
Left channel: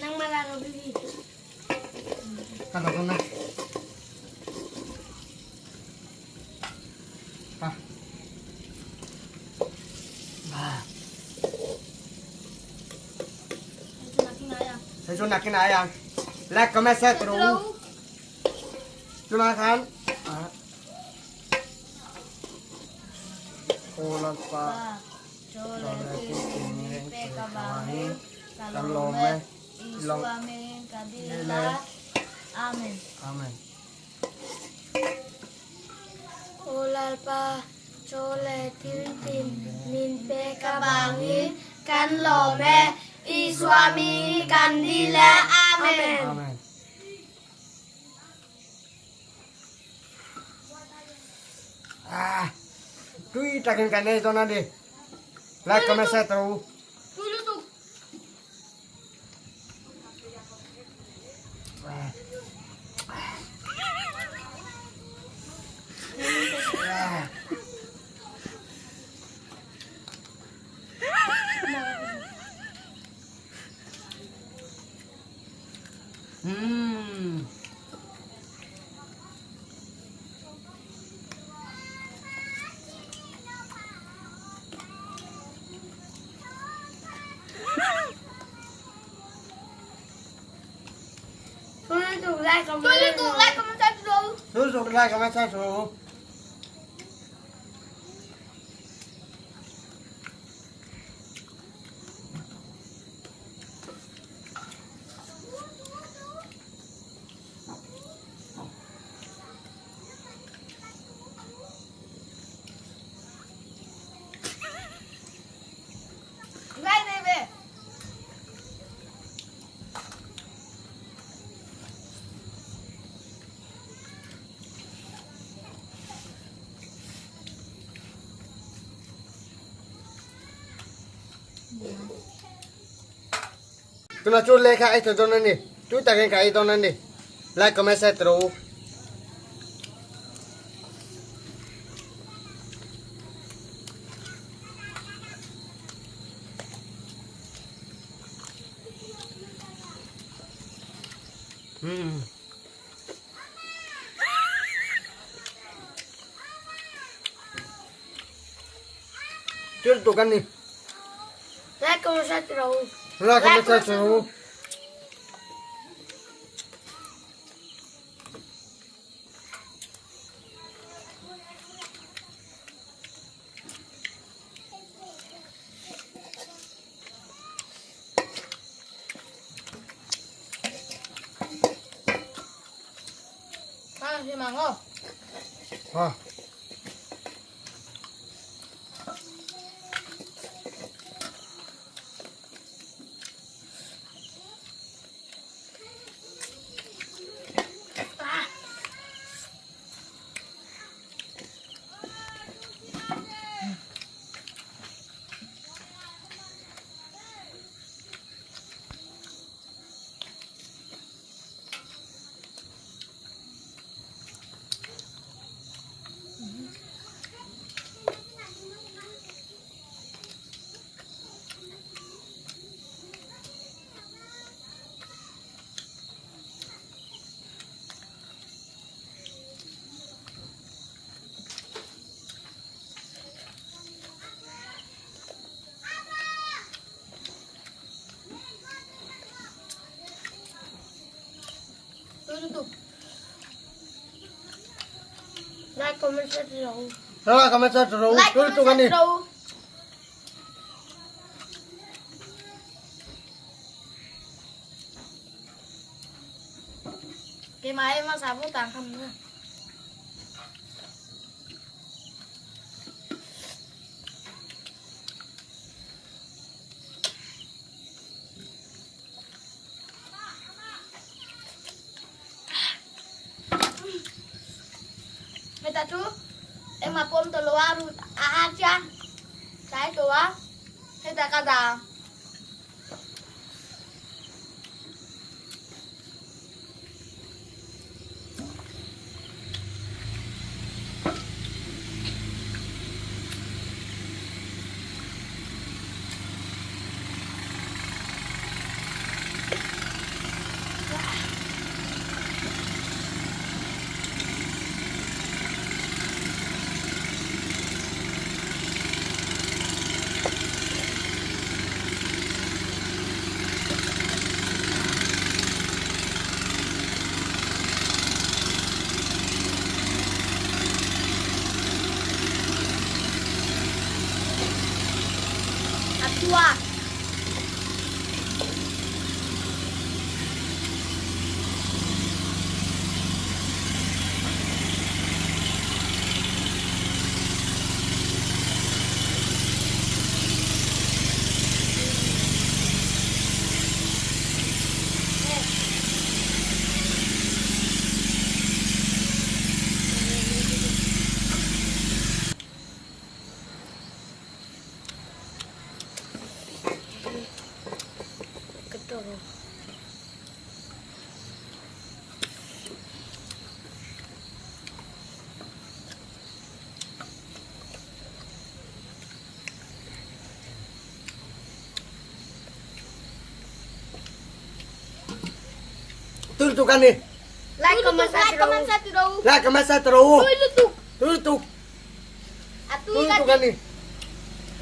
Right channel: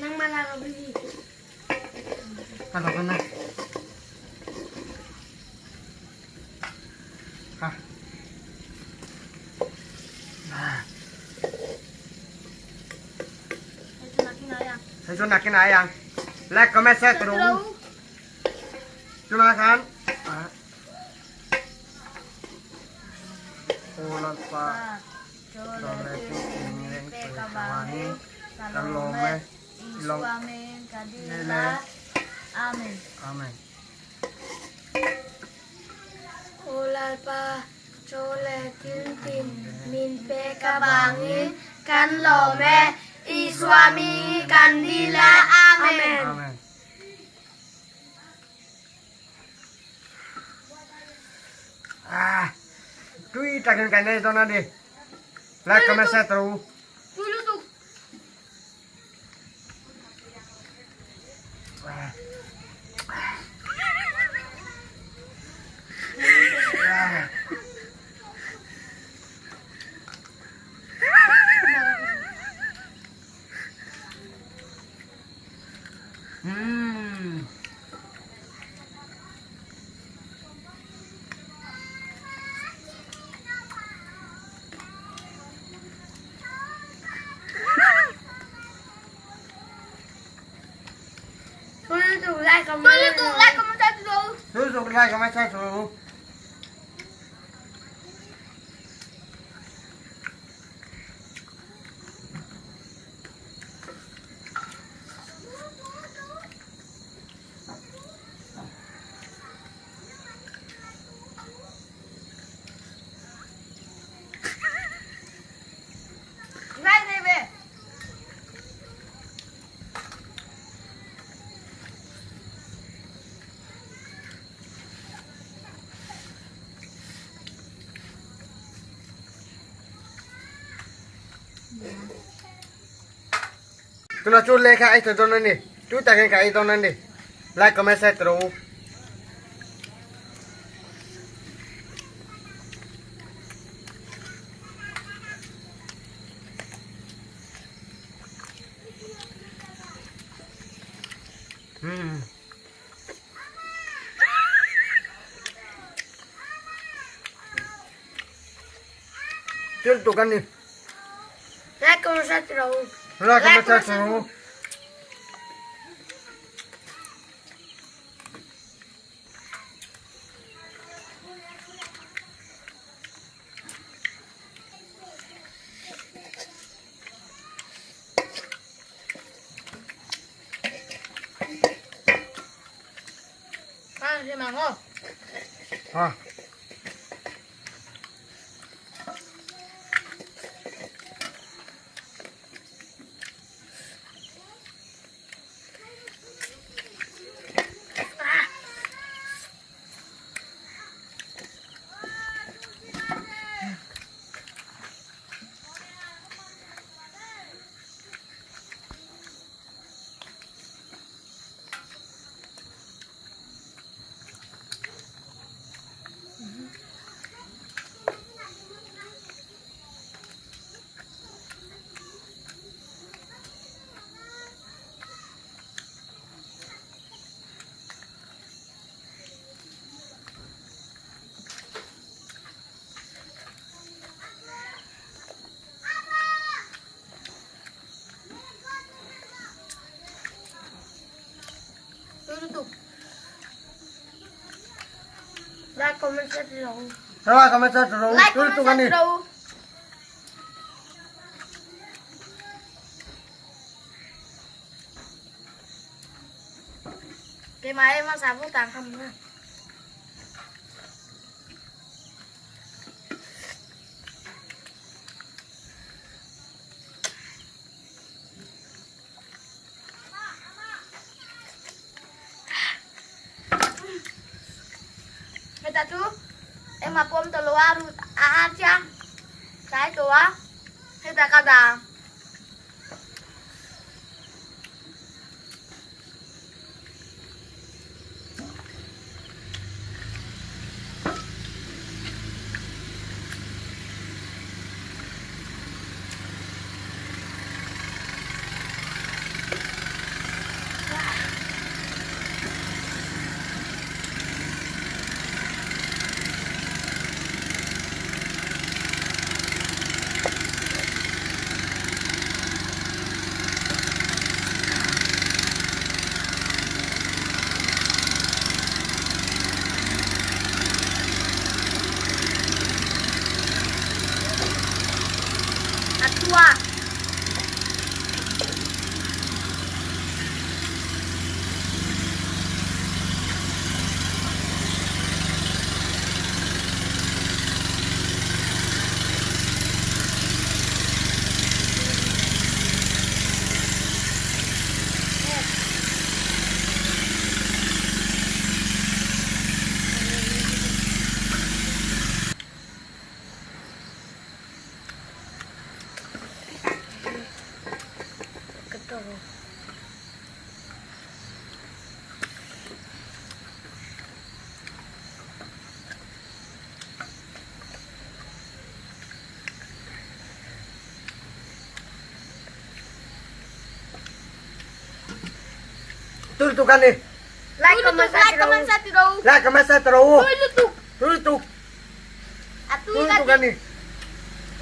Nang malaro bibi. Kalau kena. Ah. Nah, Itu makin ayam. saya nakin ayang. Like, comment, share terus. Silakan. Ulang pak. Doleti tingling persuami. Kalome. Long. Amin. Kadila. Amin. Amin. Ulal pa chole tin min pe kabangi kan lome iswami kandila amen. Amin. Ah, tui takin kane itu nanti. Like, comment, share terus. Dulu tuh. Dulu tuh like Dulu comment. tuh like comment terus. Terus like, comment, share terus. Này này về. Tuna chú lấy cái itu dongan ni. Chú takin cái dongan ni. Like, comment, share terus. Chú tụ kan ni. Like comment terus. Like, comment, share terus. Ah, si Mango. Ah. Dulu tuh. Like comment terus. Like, comment, share terus. Like Chú tụ kan comment ni. terus. Cái máy mà sao vô tàng không nữa. Người ta chú em mà pom tờ loa rồi aja trái chúa người ta cao đà terus. Tutukan nih. Like, comment, comment sa tiro. Lah kemasa terus. Tuy lutuk. Tutuk. Atuy Tutukan ka. nih.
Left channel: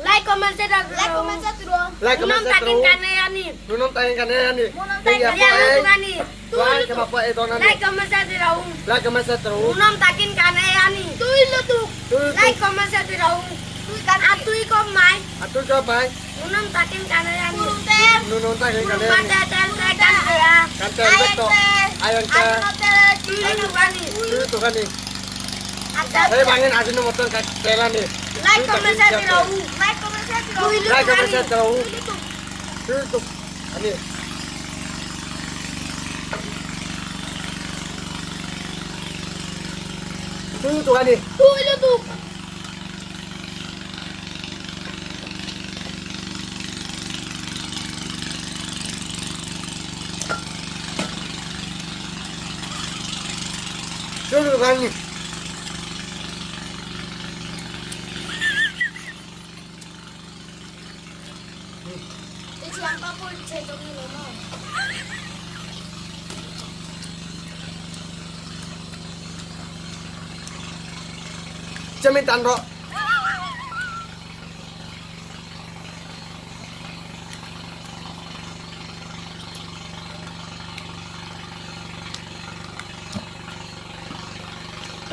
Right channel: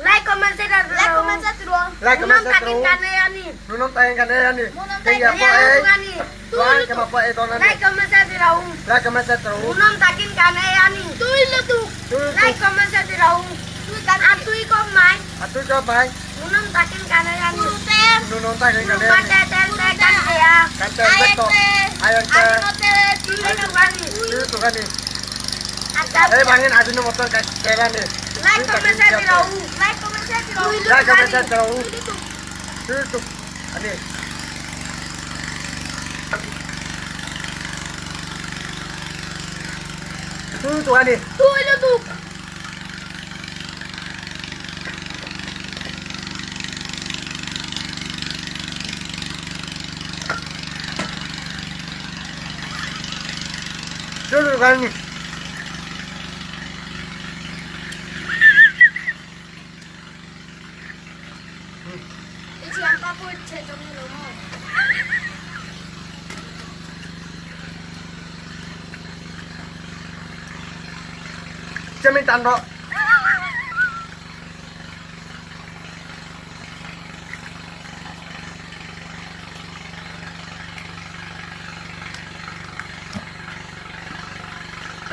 like, comment, share, dan Like comment sa tiro. Lah Unam kemasa takin terus. kanaya ni. Nunong tayang kanaya nih. Munang tayang Kaya kanaya, po eh. Tungan ni. Tuan kama po ito na Like, nih. comment, share, diraung. Lah kemasa terus. Unam takin kanaya ni. Tuy lutuk. Tutuk. Like, comment, share, diraung. Tuy ka. Atuy ko mai. Atuh coba. Unam takin kanaya ni. Pulutem. Nunong tayang kanaya nih. Mate kanaya. Kantan beto. Ayan ka. Ano te? Tuy Tungan ni. Tutukan nih. Asap. Eh bangin asin ng motor kailan nih. Like, comment, share, diraung. Like comment sa tiro. Lah kemasa terus. Tuy lutuk. Tutuk. Ani. Tutuk ani. Tuy lutuk. Tutuk ani. Siapa pun cecok ni lo. Cemin tando.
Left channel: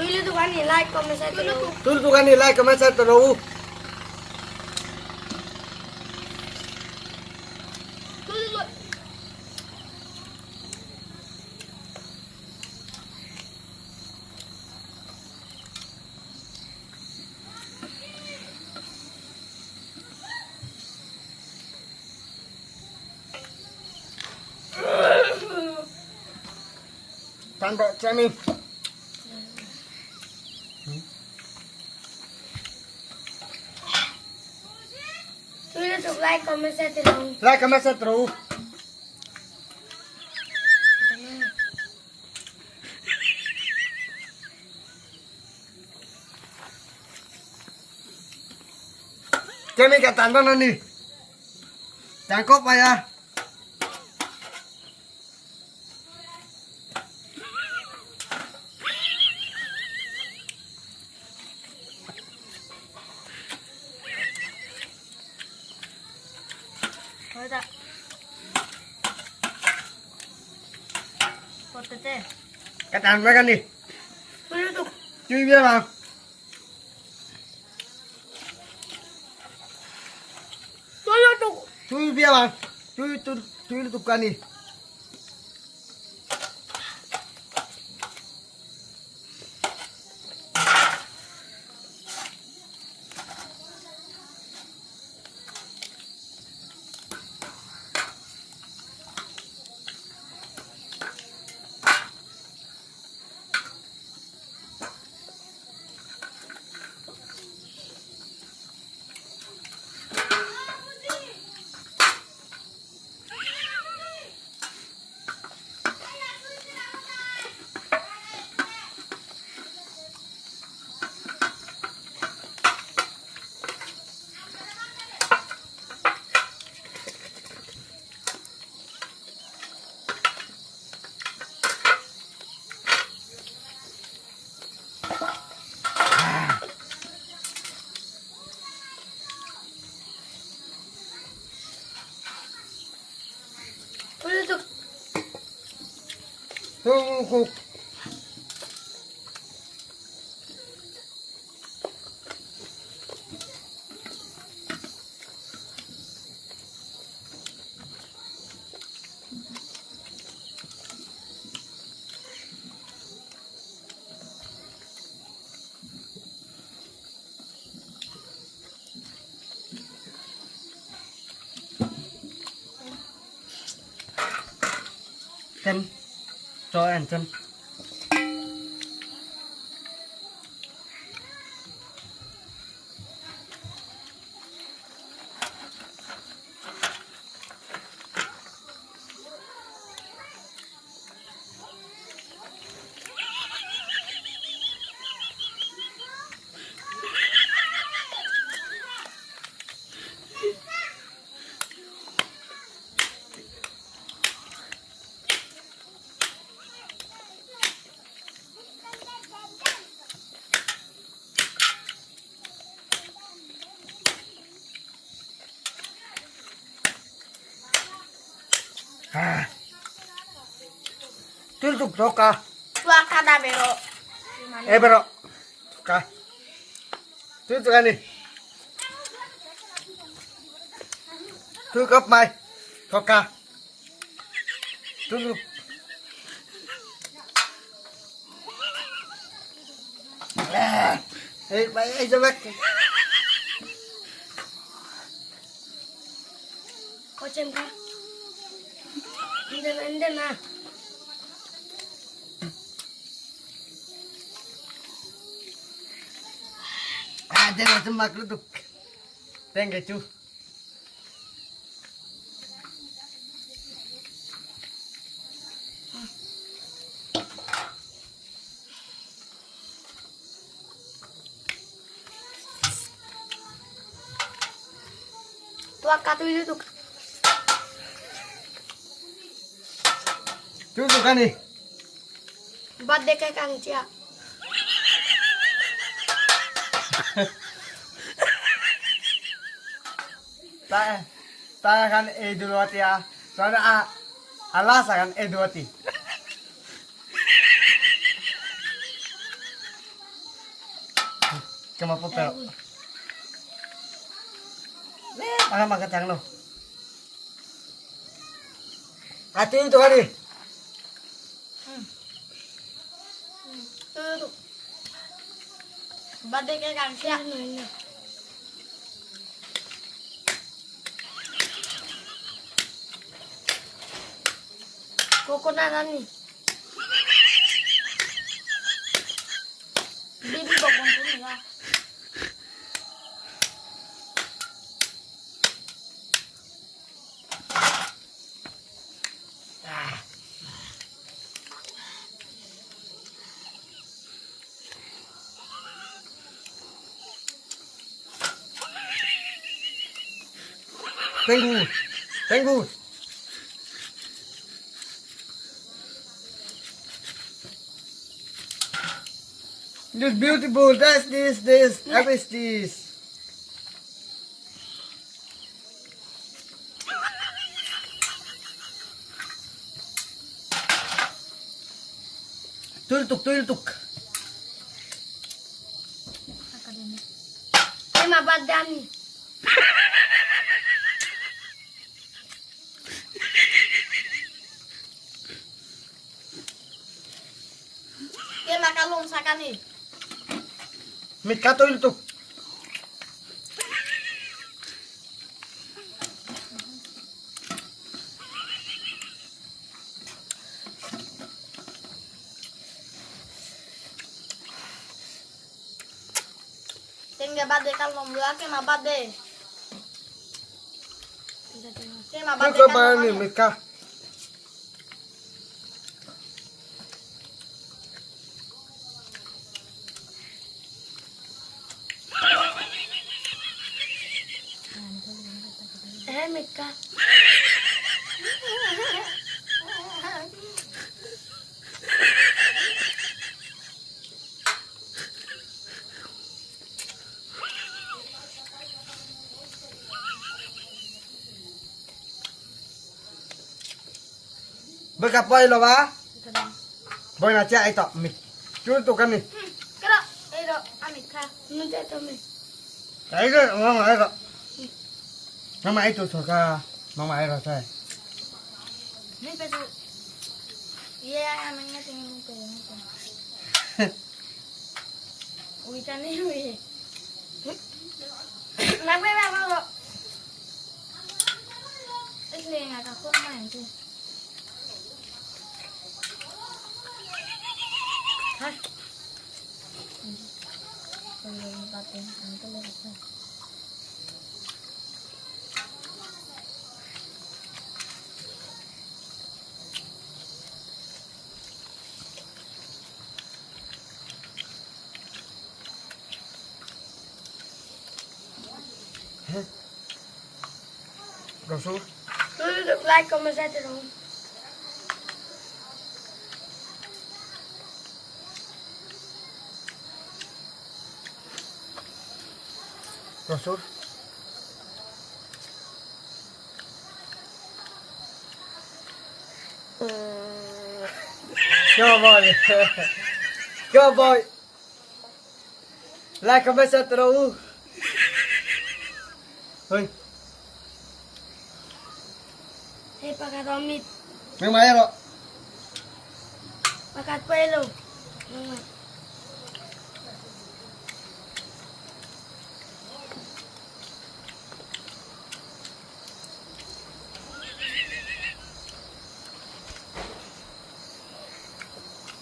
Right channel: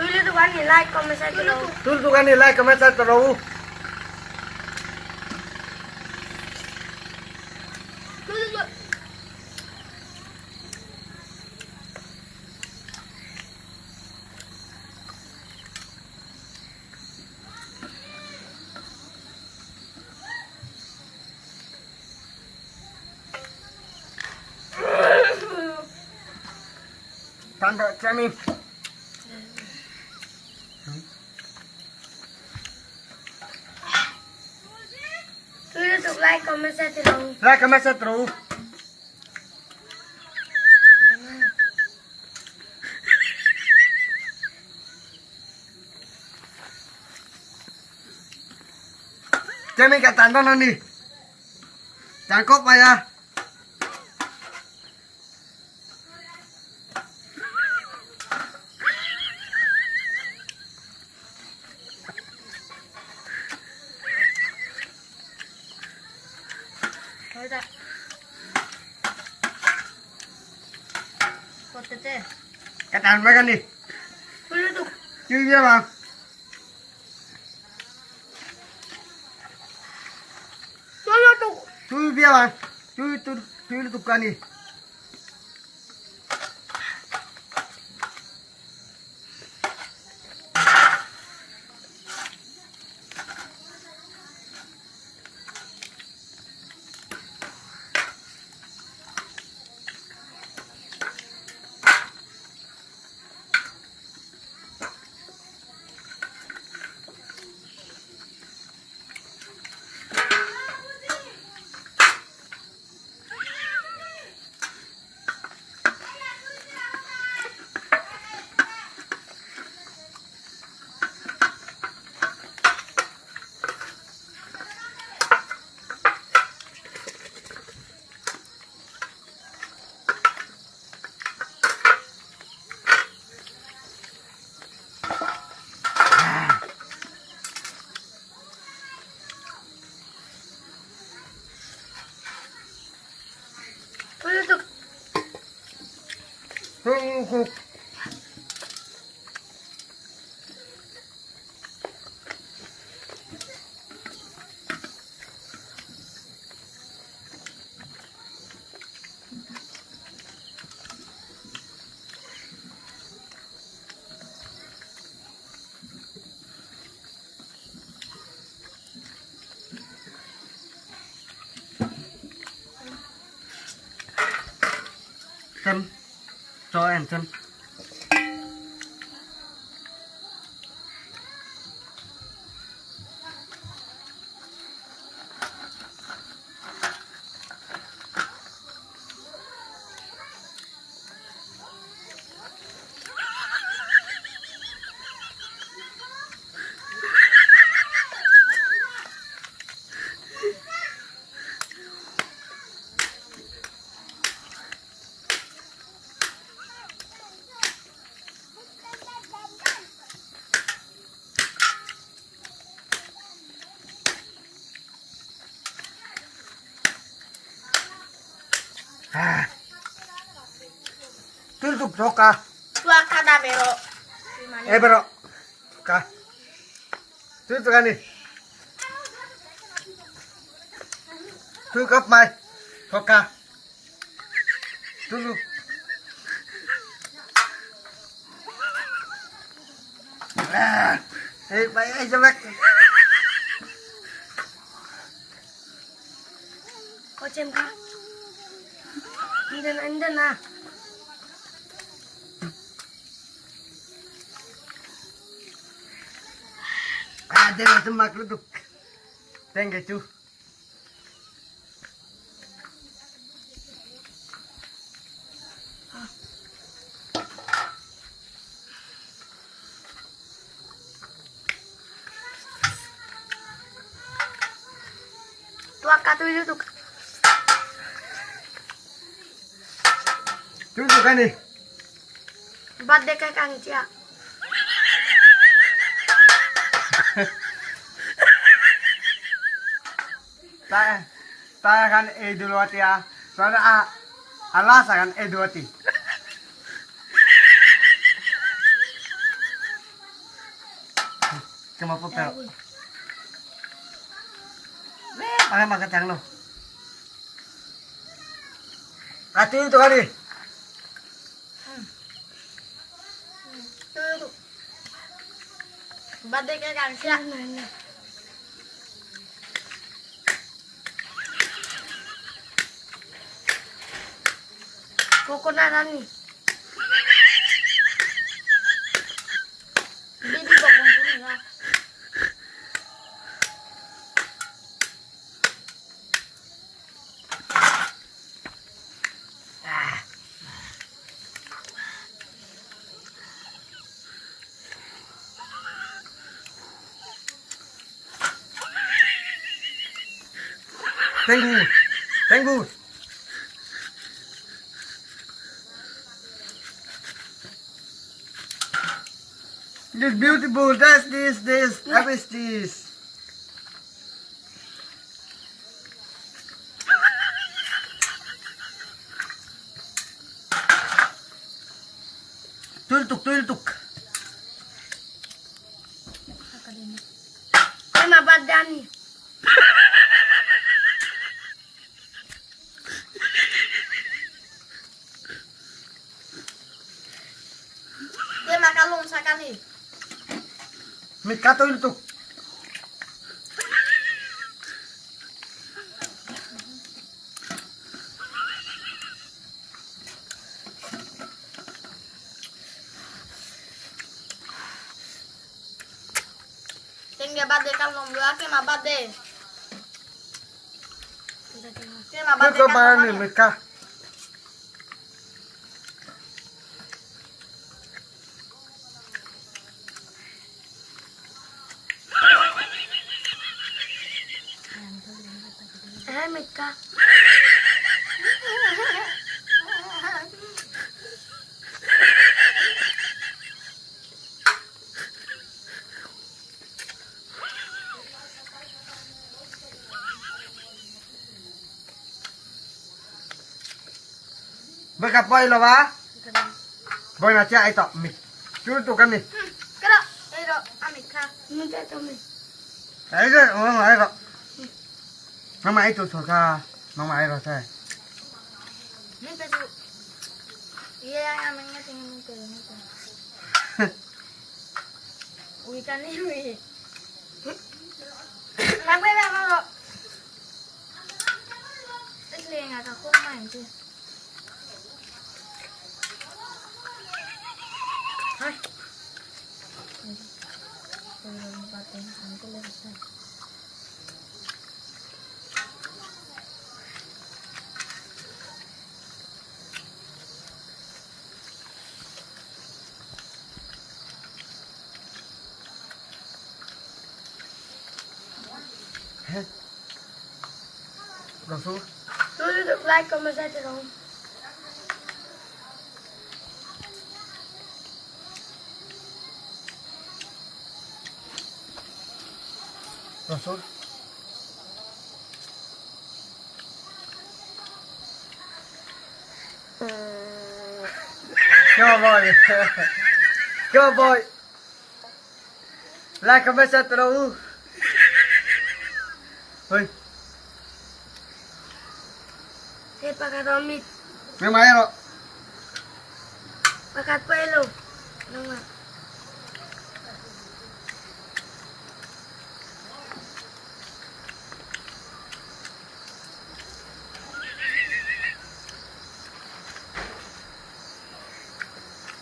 Tuloy tungan ni. Like, comment, share, diraung. Tutuk ani like kemasa terus. Tuy lutuk. Tando cemin. Tuloy tuk. Like, comment, share, diraung. Lah kemasa terus. Cemin ka tando na nih. Cangkop pa ya. Ada. Potete. Katan ba nih. Tuloy tuk. Cuy biar bang. Tuy lutuk. Cuy biar bang. Cuy tutukan nih. Tuloy tuk. Tutuk. Chân. Cho em chân. Ah. Tutup toka. Tua kada bero. Bro. Toka. Tutup kan nih. Tutup mai. Toka. Tutup. Baik jebek. Kocem ka. Inde na. Jangan semak duduk. Tengge cu. Tua ka tu itu. Duduk kan nih. Birthday kay Kang Cia. Saya kan Idul Wati ya. Soalnya alas kan Idul Wati. Cuma putih. Pakai makan cang lo. Hati itu kali. Tu. Birthday kay Kang Cia. Coconut ni. Bibi bokong ko nila. Tenggu. Tenggu. This beautiful. That's this. How is this? Tultuk. Ay mabadyan ni. Dia makalong sa kani. Mika tultuk. Tinggal birthday kalong dua ke ma birthday. Dia ma birthday Tultuk ba ni Mika? Remit ka. Berkapoy lo ba? Boy na siya ito. Tultuk kan nih. Kira, ero amik ka. Nanti to mi. Ayo. Mama itu suka. Mama ayo saya. Min pesu. Iya, amingnya tingin mo ko. Uwi ka ni uwi. Nagbe ba mo? Isli nga ka kung man ti. Hai. Gosok. Tu like comment saya tu. Gosok. Go boy. Like comment share terus. Oi, pakat romit, memang ya lo. pakat pelo. Nama.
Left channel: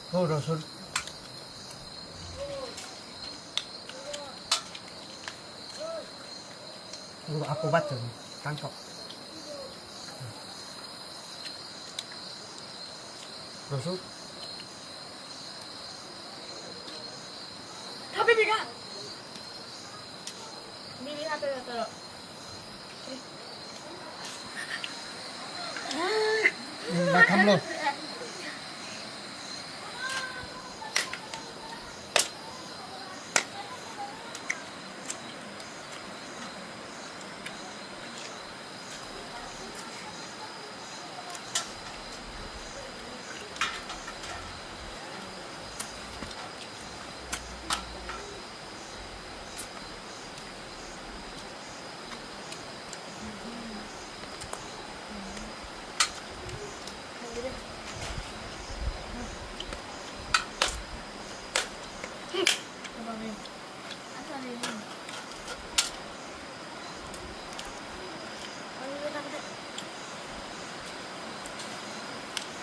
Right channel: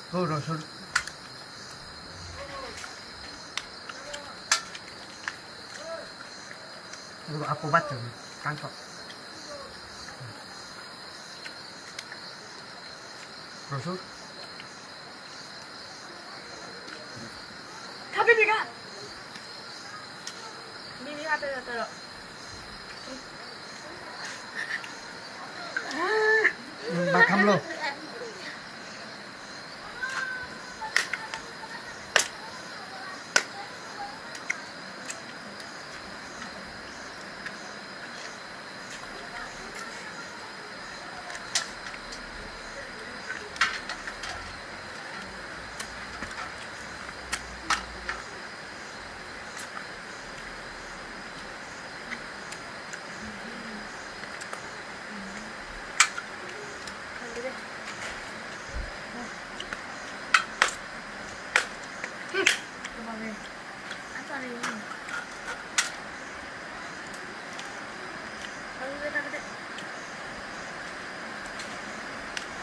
Oh, Rasul. Aku baca tangkap. Rasul. Tapi Bika. Bibi hati terus. Makam lo.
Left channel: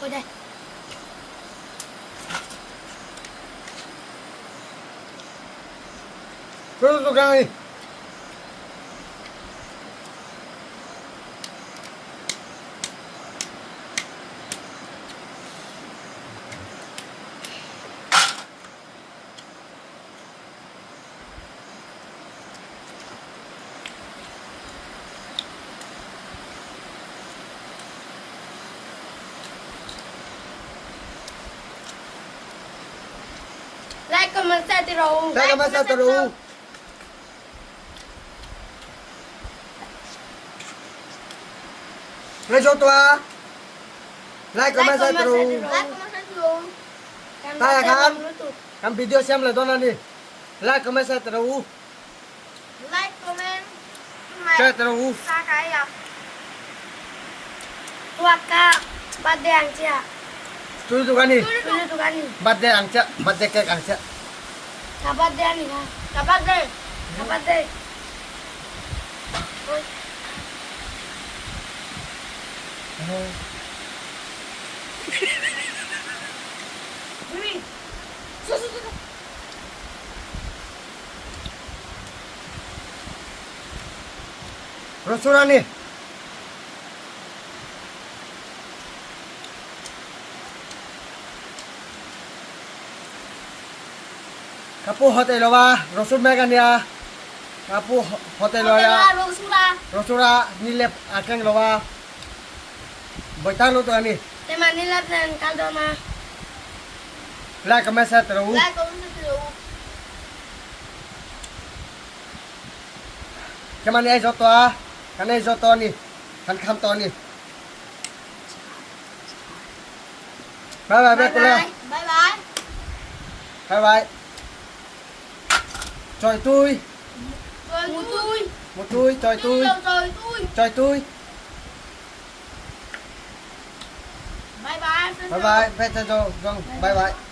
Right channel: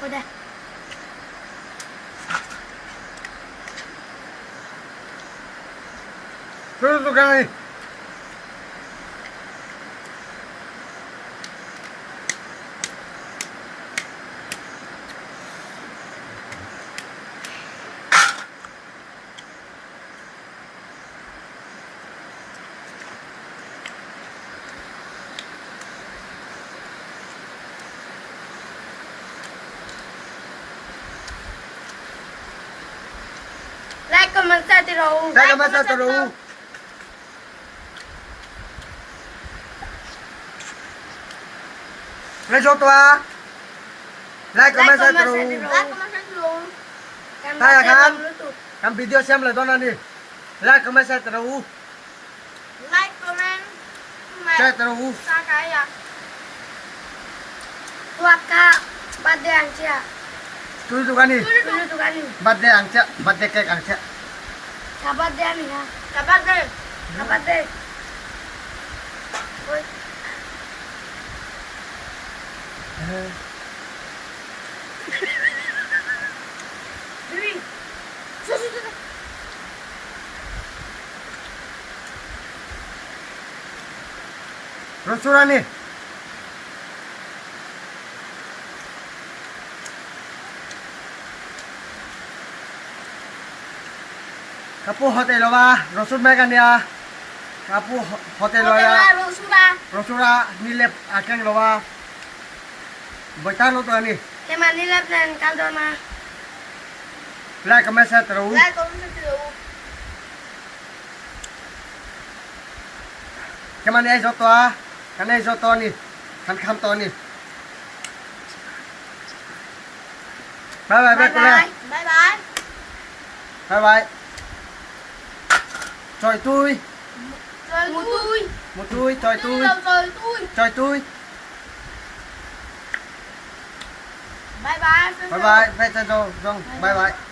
Udah. Terus tukang ni. Like, comment, share terus. Like comment share terus. Nghe số toa. Like comment share terus. Like comment share terus. Tay kan. Kan video xem lại tôi đi. Like comment share terus. Like comment. Share terus. Sa cái à? Waka, birthday angcia. Tu tukang ni. Dulu tuh kan nih. Birthday angca, birthday cake angca. Kabar dia nih kan. Kapan deh? Kabar deh. Oi. Bibi. Susu. Restoran ni. Kapu hotel lo ba? Rasul megan dia. Kapu hotel lo Hotel ya. Rosura. Rosura nilep akeng lo ba? Bocah lo tu ni. Teman ini lah dan kaldona. Like comment share terus. Like comment share terus. Keman ni ai so toa. Kan ai so to ni. Kan kham to ni. Bye bye bye bye. Bye bye. Bye bye. Chọi tôi. Rồi tôi. Một tôi chọi tôi. Rồi tôi. Chọi tôi. Bye bye. Bye bye. Bye bye. Bye bye.